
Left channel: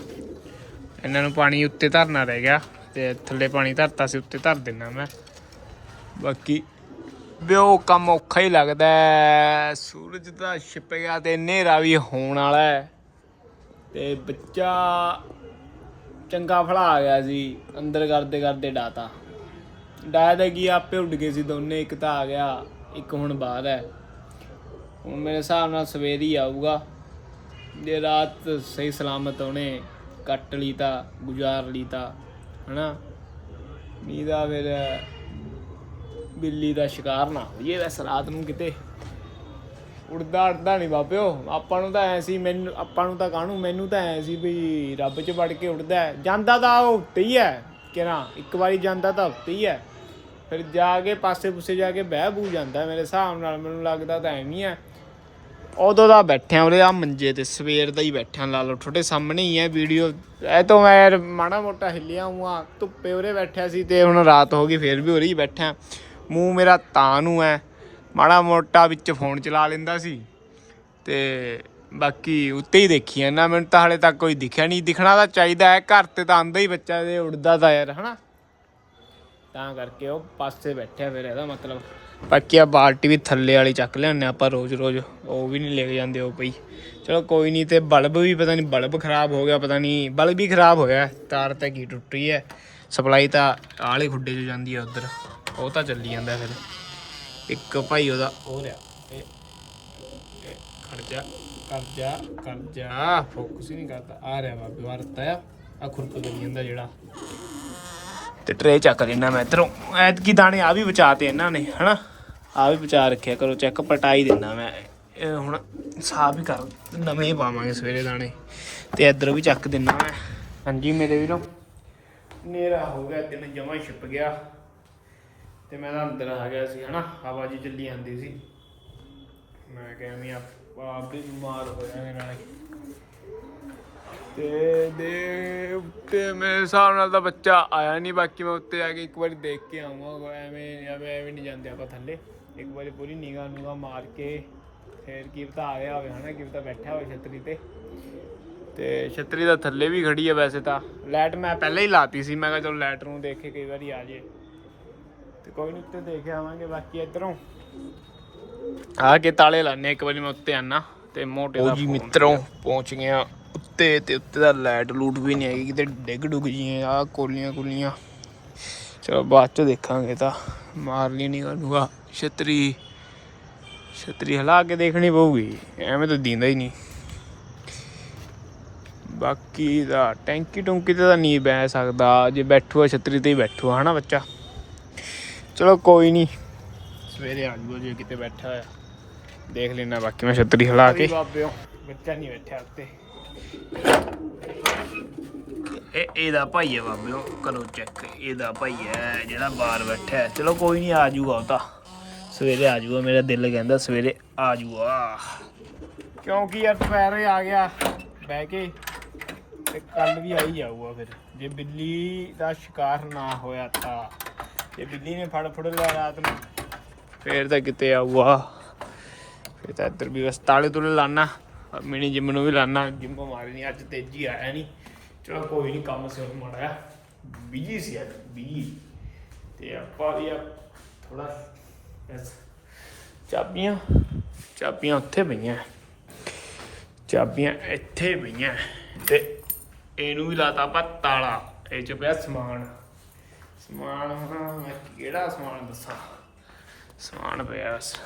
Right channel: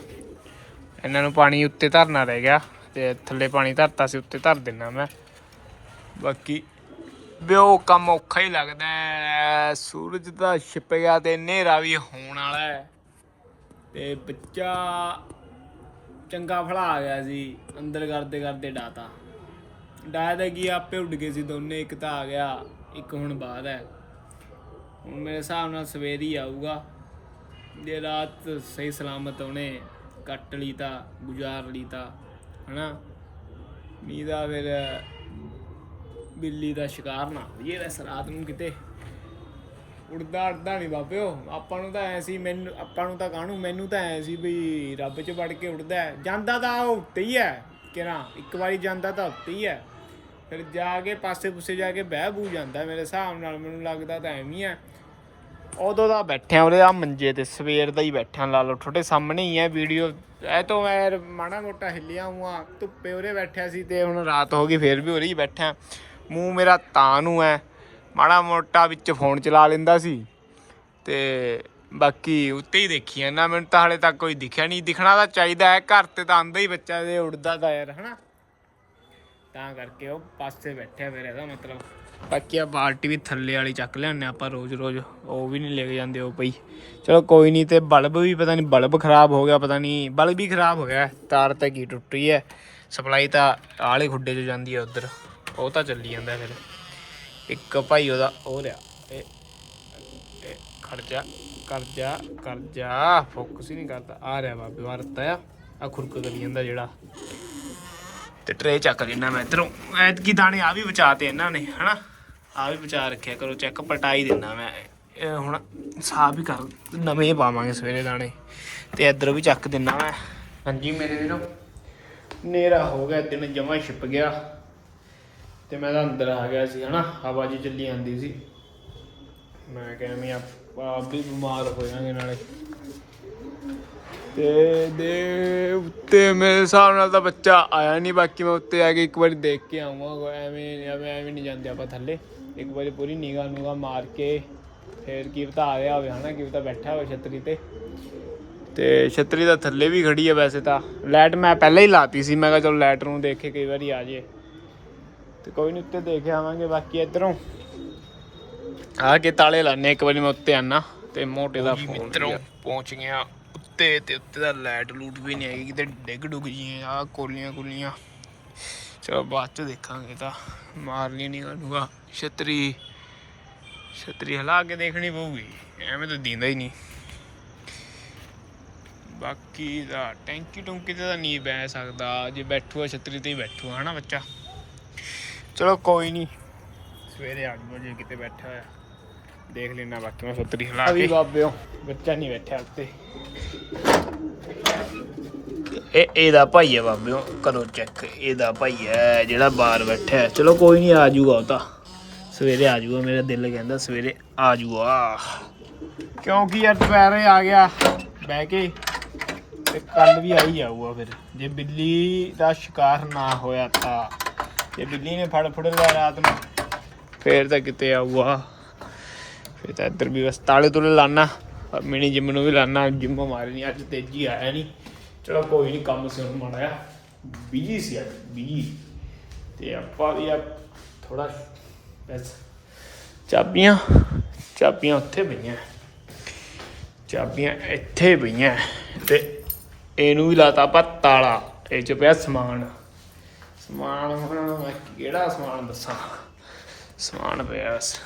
ਇਹਨਾਂ ਨੂੰ ਪਾਣੀ ਉੱਤੇ ਧਰਨਾ ਰਹਿ ਗਿਆ ਤੇ ਥੱਲੇ ਪਾਣੀ ਧਰਤਾ ਸੀ ਉੱਤੇ ਧਰ ਦਿੰਨਾ ਮੈਂ। ਬਾਕੀ ਵੀ ਕੰਮ ਔਖਾ ਹੀ ਲੱਗਦਾ ਸੂਰਜ ਤਾਂ ਛਿਪ ਗਿਆ ਤੇ ਹਨੇਰਾ ਵੀ ਹੋਣ ਵਾਲਾ ਹੈ। ਤੇ ਬੱਚਾ ਚੰਗਾ ਫੜਾ ਆ ਗਿਆ ਸੀ, ਅੰਦਰ ਕਰਦੇ ਕਰਦੇ ਡਾਤਾ। ਡਾਇਆ ਤਾਂ ਕੀ ਆਪੇ ਉੱਡ ਗਏ ਸੀ ਦੋਨੇ, ਇੱਕ ਤਾਂ ਆ ਗਿਆ, ਇੱਕ ਹੁਣ ਬਾਹਰ ਹੈ। ਹੁਣ ਮੇਰੇ ਹਿਸਾਬ ਨਾਲ ਸਵੇਰ ਹੀ ਆਊਗਾ। ਜੇ ਰਾਤ ਸਹੀ ਸਲਾਮਤ ਉਹਨੇ ਕੱਟ ਲਈ ਤਾਂ ਗੁਜ਼ਾਰ ਲਈ ਤਾਂ ਹਨਾ? ਨਹੀਂ ਤਾਂ ਫਿਰ ਬਿੱਲੀ ਦਾ ਸ਼ਿਕਾਰ ਨਾ ਹੋਈਏ ਵੈਸੇ ਰਾਤ ਨੂੰ ਕਿਤੇ ਉੜਦਾ ਉੜਦਾ ਨਹੀਂ ਬਾਬਿਓ। ਆਪਾਂ ਨੂੰ ਤਾਂ ਐ ਸੀ, ਮੈਨੂੰ ਆਪਾਂ ਨੂੰ ਤਾਂ ਕਾਹਨੂੰ, ਮੈਨੂੰ ਤਾਂ ਐ ਸੀ ਵੀ ਰੱਬ 'ਚ ਵੜ ਕੇ ਉੜਦਾ ਜਾਂਦਾ ਤਾਂ ਉਹ ਉੱਤੇ ਹੀ ਹੈ ਕਿਹੜਾ ਇੱਕ ਵਾਰੀ ਜਾਂਦਾ ਤਾਂ ਉੱਤੇ ਹੀ ਹੈ। ਫਿਰ ਜਾ ਕੇ ਪਾਸੇ ਪੁੱਸੇ ਜਾ ਕੇ ਬਹਿ ਬੂ ਜਾਂਦਾ ਮੇਰੇ ਹਿਸਾਬ ਨਾਲ, ਮੈਨੂੰ ਲੱਗਦਾ ਤਾਂ ਐਵੇਂ ਹੀ ਹੈ। ਉਦੋਂ ਦਾ ਬੈਠਿਆ ਉਰੇ ਆ ਮੰਜੇ ਤੇ ਸਵੇਰ ਦਾ ਹੀ ਬੈਠਿਆ, ਲਾ ਲਓ, ਤੁਹਾਡੇ ਸਾਹਮਣੇ ਹੀ ਹੈ ਵੀਡੀਓ। ਇਹ ਤੋਂ ਮੈਂ ਯਾਰ ਮਾੜਾ ਮੋਟਾ ਹਿੱਲਿਆ ਹੁਆ ਧੁੱਪੇ ਉਰੇ ਬੈਠਿਆ ਸੀ ਤੇ ਹੁਣ ਰਾਤ ਹੋ ਗਈ, ਫੇਰ ਵੀ ਉਰੇ ਹੀ ਬੈਠਾ ਮੂੰਹ ਮੇਰਾ ਤਾਂ ਨੂੰ ਹੈ ਮਾੜਾ ਮੋਟਾ ਵਿੱਚ ਫੋਨ ਚਲਾ ਲੈਂਦਾ ਸੀ। ਤੇ ਬਾਕੀ ਉੱਤੇ ਹੀ ਦੇਖੀ ਨਾ ਮੈਨੂੰ ਤਾਂ ਹਲੇ ਤੱਕ ਕੋਈ ਦਿਖਿਆ ਨਹੀਂ। ਦਿਖਣਾ ਤਾਂ ਚਾਹੀਦਾ ਹੈ ਘਰ ਤੇ ਤਾਂ ਆਂਦਾ ਹੀ ਬੱਚਾ ਤੇ ਉੜਦਾ ਤਾਂ ਯਾਰ, ਹਨਾ। ਤਾਂ ਕਰਕੇ ਉਹ ਪਾਸੇ ਬੈਠਿਆ ਫਿਰ, ਇਹਦਾ ਮਤਲਬ। ਬਾਕੀ ਆ ਬਾਲਟੀ ਵੀ ਥੱਲੇ ਵਾਲੀ ਚੱਕ ਲਿਆਉਂਦੇ ਆਪਾਂ ਰੋਜ਼ ਰੋਜ਼ ਉਹ ਵੀ ਨਹੀਂ ਲੈ ਕੇ ਜਾਂਦੇ ਉਹ ਪਈ। ਚਲੋ ਕੋਈ ਨਹੀਂ, ਤੇ ਬਲਬ ਵੀ ਪਤਾ ਨਹੀਂ, ਬਲਬ ਖਰਾਬ ਹੋ ਗਿਆ, ਪਤਾ ਨਹੀਂ, ਬਲਬ ਵੀ ਖਰਾਬ ਹੋ ਗਿਆ, ਤਾਰ ਤਾਂ ਕੀ ਟੁੱਟੀ ਹੈ ਸਪਲਾਈ ਤਾਂ ਆਲੇ ਖੁੱਡੇ 'ਚ ਜਾਂਦੀ ਹੈ ਉਧਰ। ਉਹ ਤਾਂ ਚੱਲੀ ਜਾਂਦਾ ਫਿਰ। ਇੱਕ ਭਾਈ ਉਹਦਾ ਉਹ ਲਿਆ ਇਹ ਇਹ ਖੜ ਜਾ, ਕਰ ਫੋਕਸ ਹੀ ਨਹੀਂ ਕਰਦਾ। ਆ ਰਿਹਾ ਬਾਬੇ ਵਾਰਤਾ ਆ। ਆ ਖੁਰਕ ਕਰੀ ਜਾਂਦਾ ਜਿਹੜਾ। ਤੇ ਟਰੇ ਚੱਕ ਲੈਣਾ ਮੈਂ ਇਧਰੋਂ। ਐਤਕੀ ਦਾਣੇ ਆ ਵੀ ਬਚਾਤੇ ਇਹਨਾਂ ਨੇ, ਹਨਾ? ਆ ਵੀ ਬਚਾ ਰੱਖਿਆ ਕਰੋ ਚੈੱਕ ਪਟਾਈ ਦਿੰਦਾ ਮੈਂ। ਹੁਣ ਸਾਫ਼ ਹੀ ਕਰ, ਨਵੇਂ ਪਾਵਾਂਗੇ ਸਵੇਰੇ ਦਾਣੇ। ਤੇ ਇੱਧਰ ਵੀ ਚੱਕ ਦਿੰਦਾ ਮੈਂ। ਹਾਂਜੀ, ਮੇਰੇ ਵੀਰੋ। ਨੇਰਾ ਹੋ ਗਿਆ, ਦਿਨ ਜਮਾ ਛਿਪ ਗਿਆ। ਤੇ ਮੈਂ ਤਾਂ ਅੰਦਰ ਆ ਗਿਆ ਸੀ, ਹਨਾ, ਹਵਾ ਜੀ ਚੱਲੀ ਜਾਂਦੀ ਸੀ। ਮੈਂ ਕਿਹਾ ਮੈਂ ਆਪ ਵੀ ਬਿਮਾਰ ਹੋ ਜਾਾਂਗੇ ਨਾਲੇ। ਤੇ ਦੇ ਉੱਤੇ ਮੇਰੇ ਹਿਸਾਬ ਨਾਲ ਤਾਂ ਬੱਚਾ ਆਇਆ ਨਹੀਂ ਬਾਕੀ ਮੈਂ ਉੱਤੇ ਆ ਕੇ ਇੱਕ ਵਾਰੀ ਦੇਖ ਕੇ ਆਉਂਗਾ ਐਵੇਂ ਐਵੇਂ ਐਵੇਂ ਨਹੀਂ ਜਾਂਦੇ ਆਪਾਂ ਥੱਲੇ। ਇੱਕ ਵਾਰੀ ਪੂਰੀ ਨਿਗਾਹ ਨੂਗਾ ਮਾਰ ਕੇ ਫੇਰ ਕੀਰਤਾ ਆ ਗਿਆ ਹੋਵੇ, ਹਨਾ, ਕੀਰਤਾ ਬੈਠਾ ਹੋਵੇ ਛਤਰੀ ਤੇ। ਤੇ ਛਤਰੀ ਦਾ ਥੱਲੇ ਵੀ ਖੜੀ ਆ ਵੈਸੇ ਤਾਂ। ਲਾਈਟ ਮੈਂ ਪਹਿਲਾਂ ਹੀ ਲਾਤੀ ਸੀ, ਮੈਂ ਕਿਹਾ ਚਲੋ ਲਾਈਟ ਨੂੰ ਦੇਖ ਕੇ ਕਈ ਵਾਰੀ ਆ ਜੇ। ਤੇ ਕੋਈ ਨਹੀਂ ਉੱਤੇ ਦੇਖ ਆਵਾਂਗੇ ਬਾਕੀ ਇਧਰੋਂ। ਆ ਕੇ ਤਾਲੇ ਲਾਣੇ ਇੱਕ ਵਾਰੀ ਮੈਂ ਉੱਤੇ ਆਣਾ ਤੇ ਮੋਟੇ ਦਾ ਮਿੱਤਰੋਂ ਪਹੁੰਚ ਗਿਆ ਉੱਤੇ ਤੇ ਉੱਤੇ ਦਾ ਲਾਈਟ ਲੂਟ ਵੀ ਨਹੀਂ ਹੈਗੀ ਕਿਤੇ ਡਿੱਗ ਡੁੱਗ ਜੀ ਆ ਕੋਲੀਆਂ ਕੁਲੀਆਂ। ਚਲੋ ਬਾਅਦ ਚ ਦੇਖਾਂਗੇ ਤਾਂ ਮਾਰ ਲਈ ਨਹੀਂ ਗਨੂਗਾ ਛਤਰੀ ਛਤਰੀ ਹਿਲਾ ਕੇ ਦੇਖਣੀ ਪਊਗੀ ਐਵੇਂ ਤਾਂ ਦੀਂਦਾ ਹੀ ਨਹੀਂ। ਬਾਕੀ ਦਾ ਟੈਂਕੀ ਟੁੰਕੀ ਤੇ ਤਾਂ ਨਹੀਂ ਬਹਿ ਸਕਦਾ ਜੇ ਬੈਠੂਆ ਛਤਰੀ ਤੇ ਹੀ ਬੈਠੂਆ ਹਨਾ ਬੱਚਾ? ਚਲੋ ਕੋਈ ਨਹੀਂ ਸਵੇਰੇ ਆ ਜਾਊਗਾ ਜੇ ਕਿਤੇ ਬੈਠਾ ਹੋਇਆ। ਦੇਖ ਲੈਣਾ ਬਾਕੀ ਮੈਂ ਛਤਰੀ ਹਿਲਾ ਕੇ। ਬਾਬਿਓ ਬੱਚਾ ਨਹੀਂ ਬੈਠਿਆ ਉੱਤੇ। ਇਹ ਇਹਦਾ ਭਾਈ ਹੈ ਬਾਬਿਓ ਕਰੋ ਚੈੱਕ ਇਹਦਾ ਭਾਈ ਹੈ ਜਿਹੜਾ ਬਾਹਰ ਬੈਠਾ ਹੈ। ਚਲੋ ਕੋਈ ਨਹੀਂ ਆ ਜਾਊਗਾ ਉਹ ਤਾਂ। ਸਵੇਰੇ ਆ ਜਾਊਗਾ ਮੇਰਾ ਦਿਲ ਕਹਿੰਦਾ ਸਵੇਰੇ ਆ ਜਾਊਗਾ। ਕਿਉਂਕਿ ਯਾਰ ਦੁਪਹਿਰੇ ਆ ਗਿਆ। ਬਹਿ ਕੇ ਤੇ ਕੱਲ ਵੀ ਆਈ ਜਾਊਗਾ ਫਿਰ। ਜੇ ਬਿੱਲੀ ਦਾ ਸ਼ਿਕਾਰ ਨਾ ਹੋਇਆ ਤਾਂ। ਤੇ ਬਿੱਲੀ ਨੇ ਫੜ ਫੜ ਲਿਆ ਰਾਤ ਨੂੰ। ਫੇਰ ਤਾਂ ਕਿਤੇ ਆਊਗਾ। ਫੇਰ ਤਾਂ ਇੱਧਰ ਵੀ ਬਸ ਤਾਲੇ ਤੁਲੇ ਲਾਣਾ ਮਿਨੀ ਜਿਮ ਨੂੰ ਵੀ ਲਾਣਾ ਜਿੰਮ ਮਾਰੀ ਅੱਜ ਤੇਜੀ ਆਇਆ ਨਹੀਂ ਚਲੋ ਕੋਈ ਨਹੀਂ ਕੰਮ ਸਿਰ ਮਾੜਿਆ ਬੀਜੀ ਸੀ ਅੱਜ ਬੀਜੀ ਤੇ ਆਪਾਂ ਵੀ ਆ ਥੋੜਾ ਬਸ ਚਾਬੀਆਂ ਚਾਬੀਆਂ ਉੱਥੇ ਪਈਆਂ। ਚਾਬੀਆਂ ਇੱਥੇ ਪਈਆਂ। ਤੇ ਇਹਨੂੰ ਵੀ ਲਾਤਾ ਆਪਾਂ ਤਾਲਾ, ਇਹ ਚ ਪਿਆ ਸਮਾਨ। ਸਮਾਨ ਹੁਣ ਮੈਂ ਕਿਹੜਾ ਸਮਾਨ ਦੱਸਾਂ? ਸਮਾਨ ਪਿਆ ਬਸ।